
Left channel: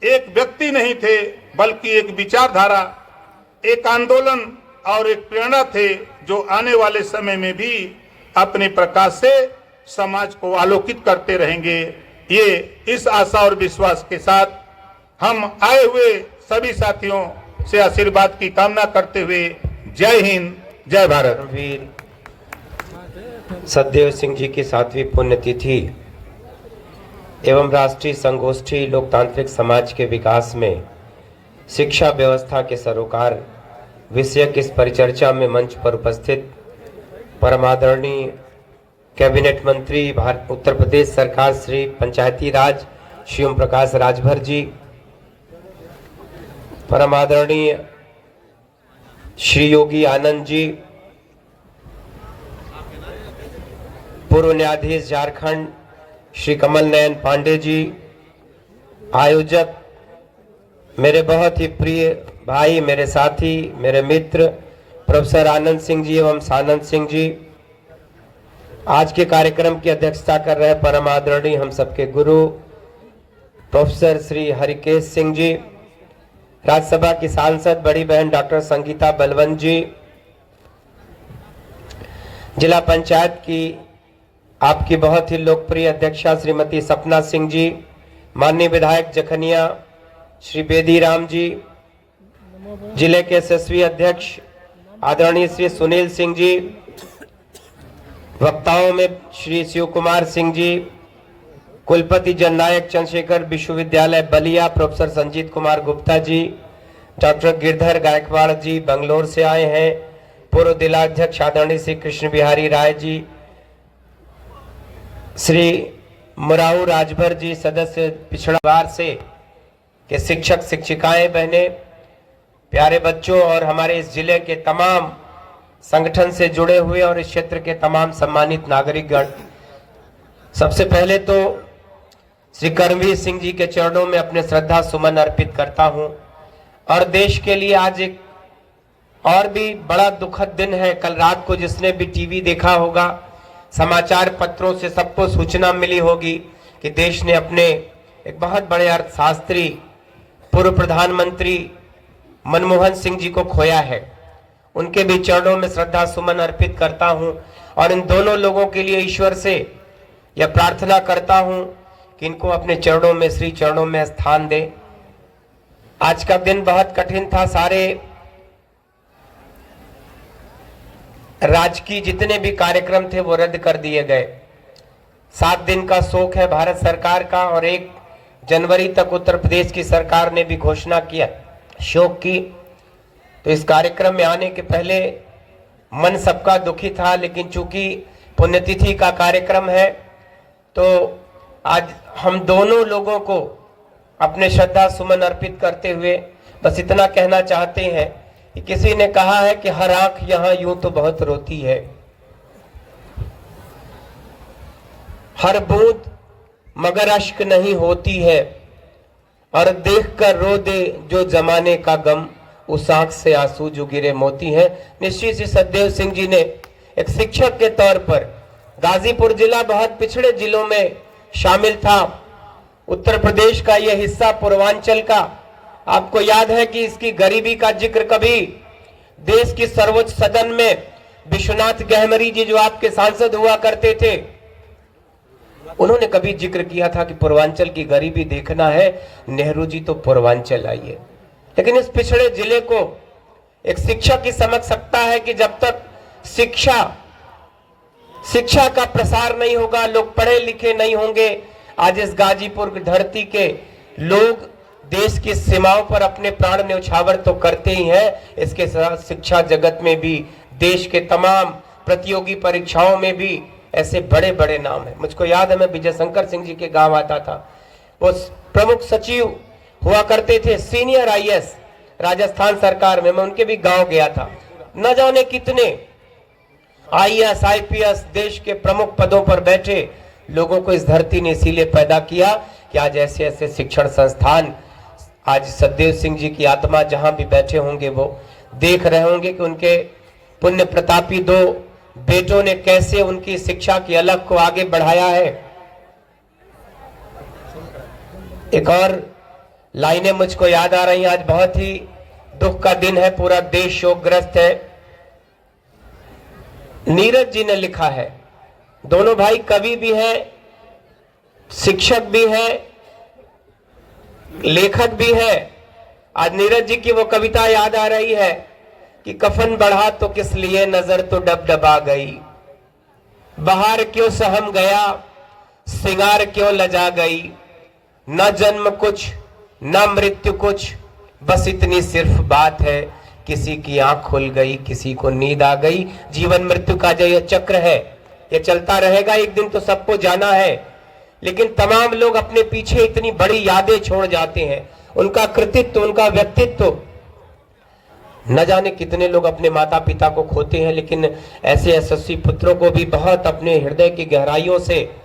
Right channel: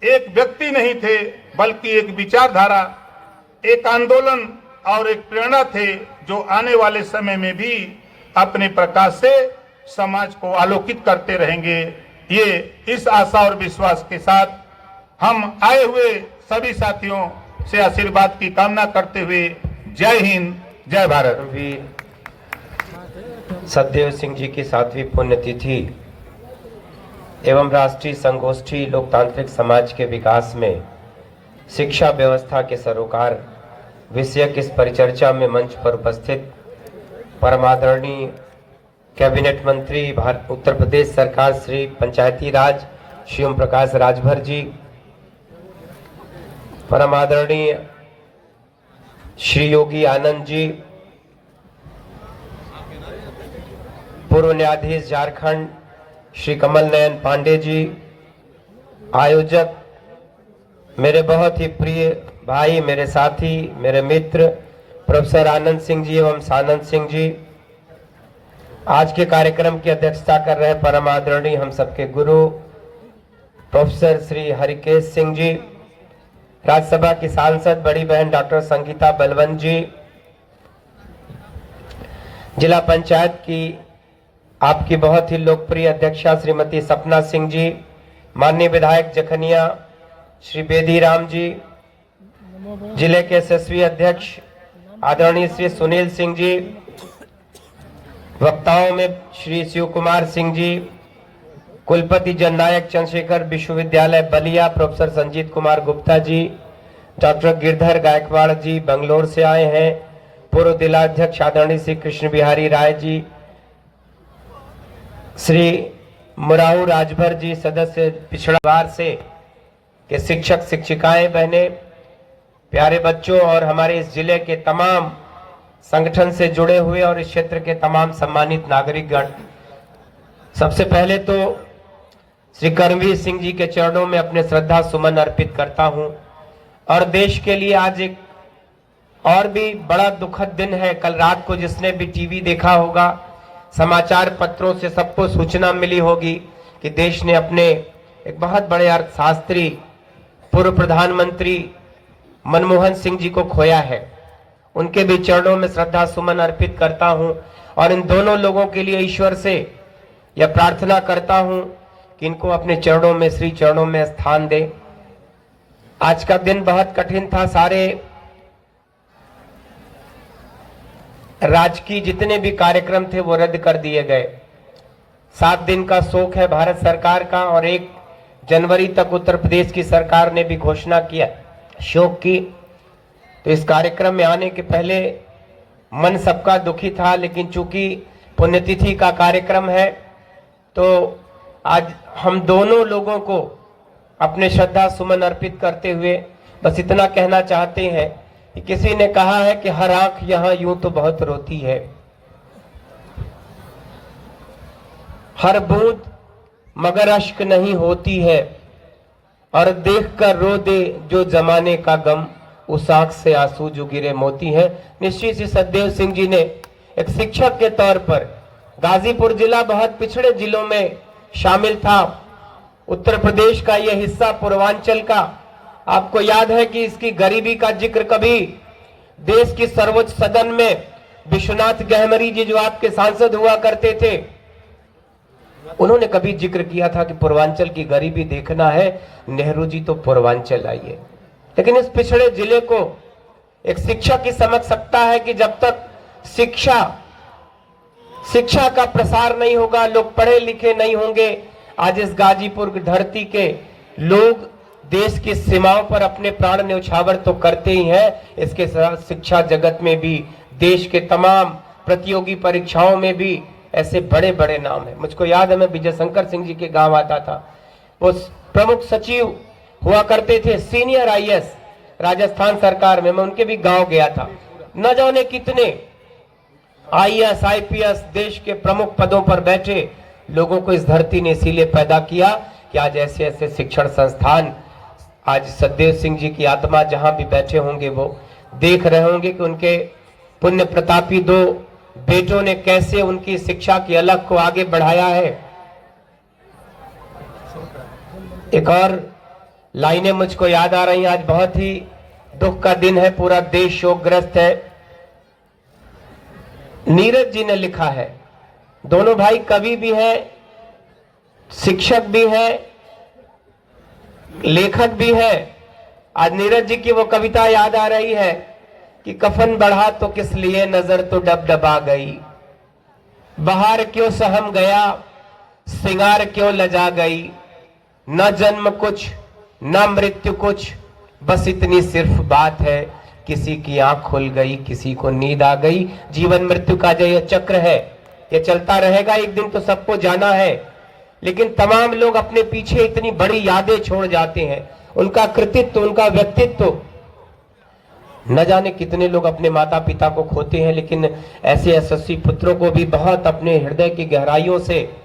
एक व्यक्ति नहीं थे, बल्कि एक विचारधारा, एक आंदोलन और एक प्रेरणा थे, जो आने वाले समय में भी अपने प्रकाश से समाज को आलोकित करते रहेंगे। ये इस आशा और विश्वास के साथ हम आए हुए सभी साथियों से आशीर्वाद की कामना करते हुए जय हिंद, जय भारत। वीर सतदेव सिंह जी की 7वीं पुण्यतिथि एवं राष्ट्रीय संगोष्ठी लोकतांत्रिक समाज के विकास में शिक्षा व्यवस्था के सरोकार विषयक इस परिचर्चा में मंच पर उपस्थित परमादरणीय कैबिनेट मंत्री उत्तर प्रदेश सरकार श्री पंचायती राज श्री ओम प्रकाश राजभर जी, परमादरणीय श्री योगी आनंद जी, पूर्व न्यायाधीश झारखंड श्री कमल नयन पांडे जी, आयोजक मेरे बहुत ही प्रिय भाई, मेरे साथी, मेरे मित्र प्रोफेसर आनंद सिंह जी एवं सानंद सिंह जी, आज के कार्यक्रम की अध्यक्षता कर रहे परम आदरणीय हम सबके गुरु प्रोफेसर श्री हरिकेश सिंह जी, राज्यसभा की सांसद बड़ी बहन डॉक्टर संगीता बलवंत जी, जिला पंचायत की आपकी बहुत ही लोकप्रिय अध्यक्षा श्रीमती सपना सिंह जी, माननीय विधायक जखनिया श्री बेदी राम जी, जिले के यशस्वी अध्यक्ष आदरणीय श्री सुनील सिंह जी, वक्ताओं में श्री शिव कुमार सिंह जी, कुलपति जननायक चंद्रशेखर विश्वविद्यालय बलिया प्रोफेसर संजीत कुमार गुप्ता जी, डॉक्टर गिरधर गायकवाड़ जी बंगलोर से आए हैं, पूर्व जिलाध्यक्ष आदरणीय श्री कृष्ण बिहारी राय जी, श्री मुराऊ राजभर जी सदस्य पिछड़ा वर्ग से के शिक्षक शिक्षिकाएं बहनें, प्यारे बच्चों और हमारे इस जिले के तमाम संगठन से जुड़े हुए और इस क्षेत्र के तमाम सम्मानित नागरिकगण, सबसे पहले तो श्री कर्मवीर सिंह जी के चरणों में अपने श्रद्धा सुमन अर्पित करता हूं और देश के लिए आज एक और भी बड़ा दुखद दिन है। कल रात को जिसने भी टीवी देखा होगा, समाचार पत्रों से सबको सूचना मिली होगी कि देश ने अपने एक बहुत बड़े अर्थशास्त्री पूर्व प्रधानमंत्री मनमोहन सिंह जी को खोया है। उनके भी चरणों में श्रद्धा सुमन अर्पित करता हूं और इन दोनों लोगों के लिए ईश्वर से यह प्रार्थना करता हूं कि इनको अपने चरणों में, श्री चरणों में स्थान दे। आज का दिन बहुत कठिन था। सारे राजकीय जितने भी कार्यक्रम थे वो रद्द कर दिए गए। 7 दिन का शोक है भारत सरकार का और 1 जनवरी तक उत्तर प्रदेश की सरकार ने भी घोषणा किया शोक की। तो इस कार्यक्रम में आने के पहले मन सबका दुखी था, लेकिन चूंकि पुण्यतिथि का कार्यक्रम है तो आज हम दोनों लोगों को अपने श्रद्धा सुमन अर्पित करते हुए बस इतना कहना चाहते हैं कि किसी ने कहा है कि हर आंख यहां यूं तो बहुत रोती है, हर बूंद मगर अश्क नहीं होती है, और देख कर रो दे जो जमाने का गम, उस आंख से आंसू जो गिरे मोती है। निश्चित ही सतदेव सिंह जी ने एक शिक्षक के तौर पर, गाजीपुर जिला बहुत पिछड़े जिलों में शामिल था, उत्तर प्रदेश का यह हिस्सा पूर्वांचल का, आपको याद है कि इसकी गरीबी का जिक्र कभी देश की सर्वोच्च सदन में विश्वनाथ गहमरी जी जो आपके सांसद हुआ करते थे, उन्होंने कभी जिक्र किया था कि पूर्वांचल की गरीबी देखना है, नेहरू जी तो पूर्वांचल आइए। लेकिन इस पिछड़े जिले को एक शिक्षक ही समझ सकता है कि जब तक शिक्षा का प्रसार नहीं होगा, लोग पढ़े लिखे नहीं होंगे। आज इस गाजीपुर की धरती के लोग देश की सीमाओं पर अपने प्राण न्यौछावर तो करते ही हैं, इसके साथ शिक्षा जगत में भी, देश के तमाम प्रतियोगी परीक्षाओं में भी ऐसे बड़े बड़े नाम हैं। मुझको याद है, मैं विजय शंकर सिंह जी के गांव आता था, वो प्रमुख सचिव हुआ करते थे, सीनियर आईएएस राजस्थान सरकार में। मैं उनके भी गांव गया था। न जाने कितने आईएएस आईपीएस देश के प्रमुख पदों पर बैठे लोगों को इस धरती ने इसीलिए पैदा किया कि आज ऐसे ऐसे शिक्षण संस्थान, आज सतदेव सिंह जी की आत्मा जहां भी बैठे होंगे वो देख रहे होंगे कि उनके पुण्य प्रतापी 2 बेटों ने कैसे उनकी शिक्षा की अलग को आगे बढ़ाया है। एक और लाइनें मुझको याद आ रही हैं। आज बहुत ही दुख का दिन है, पूरा देश शोकग्रस्त है। नीरज जी ने लिखा है, दोनों भाई कवि भी हैं, शिक्षक भी हैं, लेखक भी है। आज नीरज जी की वो कविता याद आ रही है कि कफन बढ़ा तो किस लिए, नजर तो डबडबा गई, बहार क्यों सहम गया, सिंगार क्यों लजा गई, न जन्म कुछ न मृत्यु कुछ, बस इतनी सिर्फ बात है, किसी की आंख खुल गई, किसी को नींद आ गई। जीवन मृत्यु का जो यह चक्र है, ये चलता रहेगा, एक दिन तो सबको जाना है। लेकिन तमाम लोग अपने पीछे इतनी बड़ी यादें छोड़ जाते हैं, उनका कृतित्व, उनका व्यक्तित्व। न जाने कितने लोग अपने माता पिता को खोते हैं, लेकिन ऐसे यशस्वी पुत्रों को भी बहुत अपने हृदय की गहराइयों से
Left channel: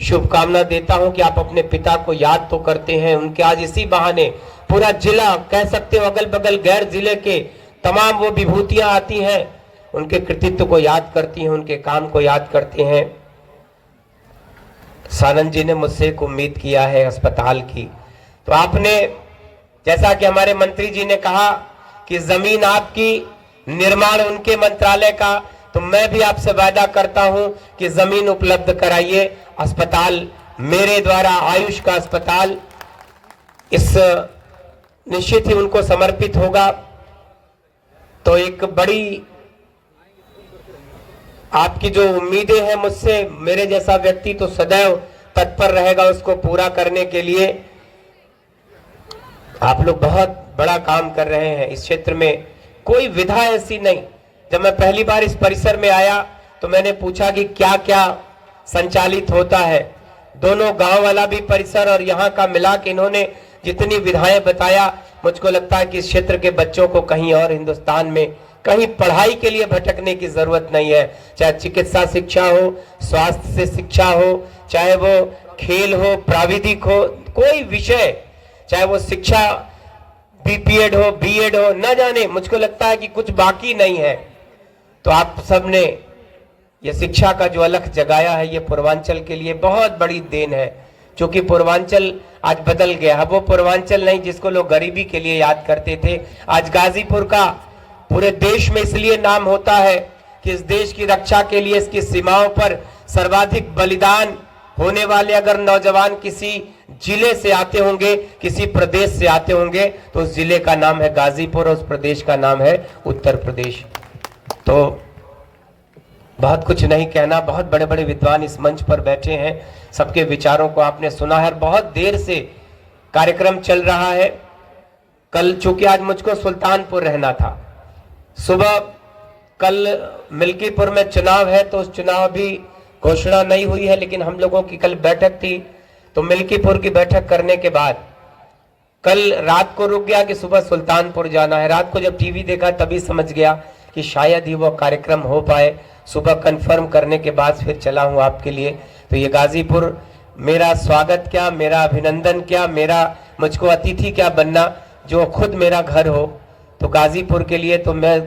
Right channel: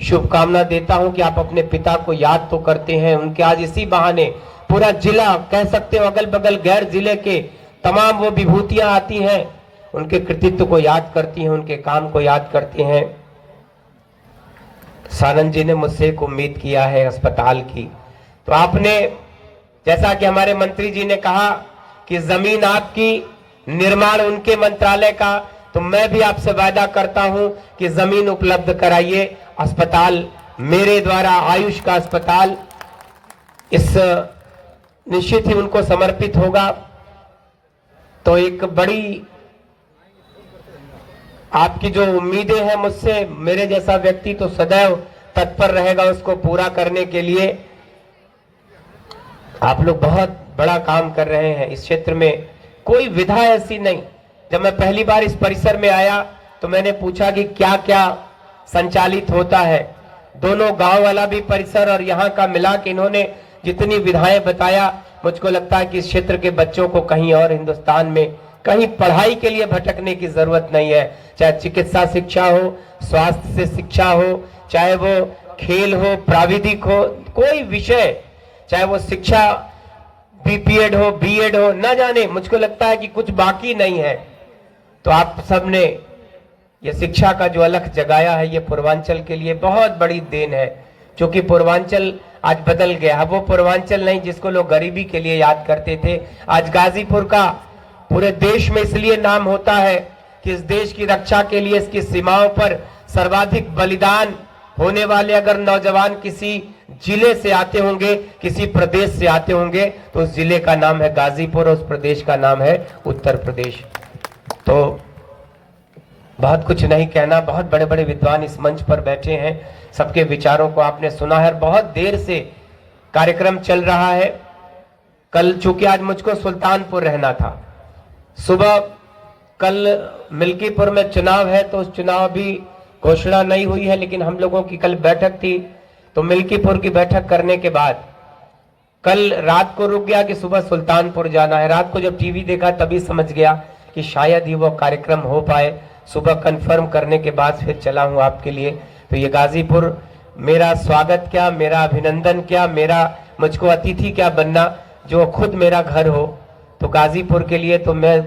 शुभकामना देता हूं कि आप अपने पिता को याद तो करते हैं। उनके आज इसी बहाने पूरा जिला, कह सकते हो अगल बगल गैर जिले के तमाम वो विभूतियां आती हैं, उनके कृतित्व को याद करती हैं, उनके काम को याद करते हैं। सानंद जी ने मुझसे एक उम्मीद किया है अस्पताल की, तो आपने, जैसा कि हमारे मंत्री जी ने कहा कि जमीन आपकी, निर्माण उनके मंत्रालय का, तो मैं भी आपसे वादा करता हूं कि जमीन उपलब्ध कराइए। अस्पताल मेरे द्वारा, आयुष का अस्पताल, इस निश्चित ही उनको समर्पित होगा। तो एक बड़ी आपकी जो उम्मीदें हैं मुझसे, मेरे जैसा व्यक्ति तो सदैव तत्पर रहेगा उसको पूरा करने के लिए। आप लोग बहुत बड़ा काम कर रहे हैं इस क्षेत्र में, कोई विधा ऐसी नहीं। जब मैं पहली बार इस परिसर में आया तो मैंने पूछा कि क्या क्या संचालित होता है। दोनों गांव वाला भी परिसर और यहाँ का मिला के इन्होंने जितनी विधाएं बताया, मुझको लगता है कि इस क्षेत्र के बच्चों को कहीं और हिंदुस्तान में कहीं पढ़ाई के लिए भटकने की जरूरत नहीं है। चाहे चिकित्सा शिक्षा हो, स्वास्थ्य से शिक्षा हो, चाहे वो खेल हो, प्राविधिक हो, कोई विषय, चाहे वो शिक्षा बीपीएड हो, बीएड हो, न जाने मुझको लगता है कि कुछ बाकी नहीं है। तो आप सबने ये शिक्षा का जो अलख जगाया है, ये पूर्वांचल के लिए बहुत बड़ी देन है। क्योंकि पूर्वांचल आज बदल गया है, वो पूर्वांचल नहीं जिसको लोग गरीबी के लिए याद करते थे। आज गाजीपुर का पूरे देश में इसलिए नाम होता है कि इस देश की रक्षा के लिए इसकी सीमाओं पर सर्वाधिक बलिदान होने वाले अगर नौजवान किसी जिले से आते होंगे, किसी प्रदेश से आते होंगे, तो उस जिले का नाम है गाजीपुर और उस प्रदेश का नाम है उत्तर प्रदेश। तो बहुत कुछ नहीं कहना, बहुत बड़े बड़े विद्वान इस मंच पर बैठे हैं, सबके विचारों को आपने सुना है। बहुत देर से कार्यक्रम चल रहा है। कल चूंकि आज मुझको सुल्तानपुर रहना था, सुबह कल मिल्कीपुर में चुनाव है तो उस चुनाव भी घोषणा नहीं हुई है, लेकिन हम लोगों की कल बैठक थी, तो मिल्कीपुर की बैठक करने के बाद कल रात को रुक गया कि सुबह सुल्तानपुर जाना है। रात को जब टीवी देखा तभी समझ गया कि शायद ही वो कार्यक्रम हो पाए। सुबह कंफर्म करने के बाद फिर चला हूं आपके लिए। तो ये गाजीपुर मेरा स्वागत क्या, मेरा अभिनंदन क्या, मेरा मुझको अतिथि क्या बनना, जो खुद मेरा घर हो। तो गाजीपुर के लिए तो मैं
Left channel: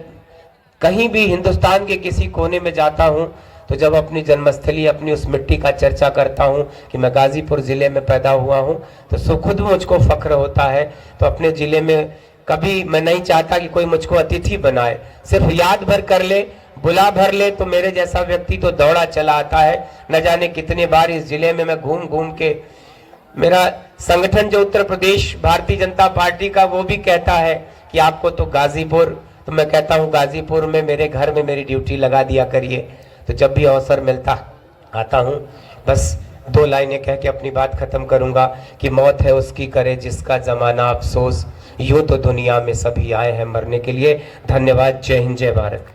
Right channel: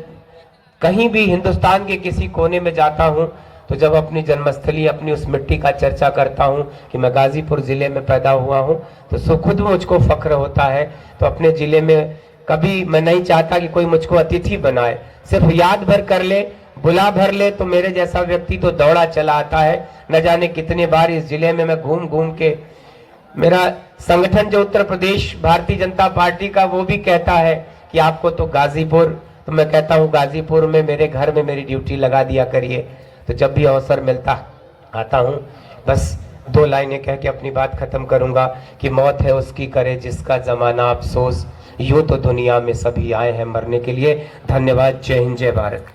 कहीं भी हिंदुस्तान के किसी कोने में जाता हूं तो जब अपनी जन्मस्थली, अपनी उस मिट्टी का चर्चा करता हूं कि मैं गाजीपुर जिले में पैदा हुआ हूं, तो खुद मुझको फख्र होता है। तो अपने जिले में कभी मैं नहीं चाहता कि कोई मुझको अतिथि बनाए, सिर्फ याद भर कर ले, बुला भर ले, तो मेरे जैसा व्यक्ति तो दौड़ा चला आता है। न जाने कितने बार इस जिले में मैं घूम घूम के, मेरा संगठन जो उत्तर प्रदेश भारतीय जनता पार्टी का, वो भी कहता है कि आपको तो गाजीपुर, तो मैं कहता हूँ गाजीपुर में मेरे घर में मेरी ड्यूटी लगा दिया करिए। तो जब भी अवसर मिलता आता हूँ। बस 2 लाइनें कह के अपनी बात खत्म करूंगा कि मौत है उसकी करे जिसका जमाना अफसोस, यूं तो दुनिया में सभी आए हैं मरने के लिए। धन्यवाद। जय हिंद, जय भारत।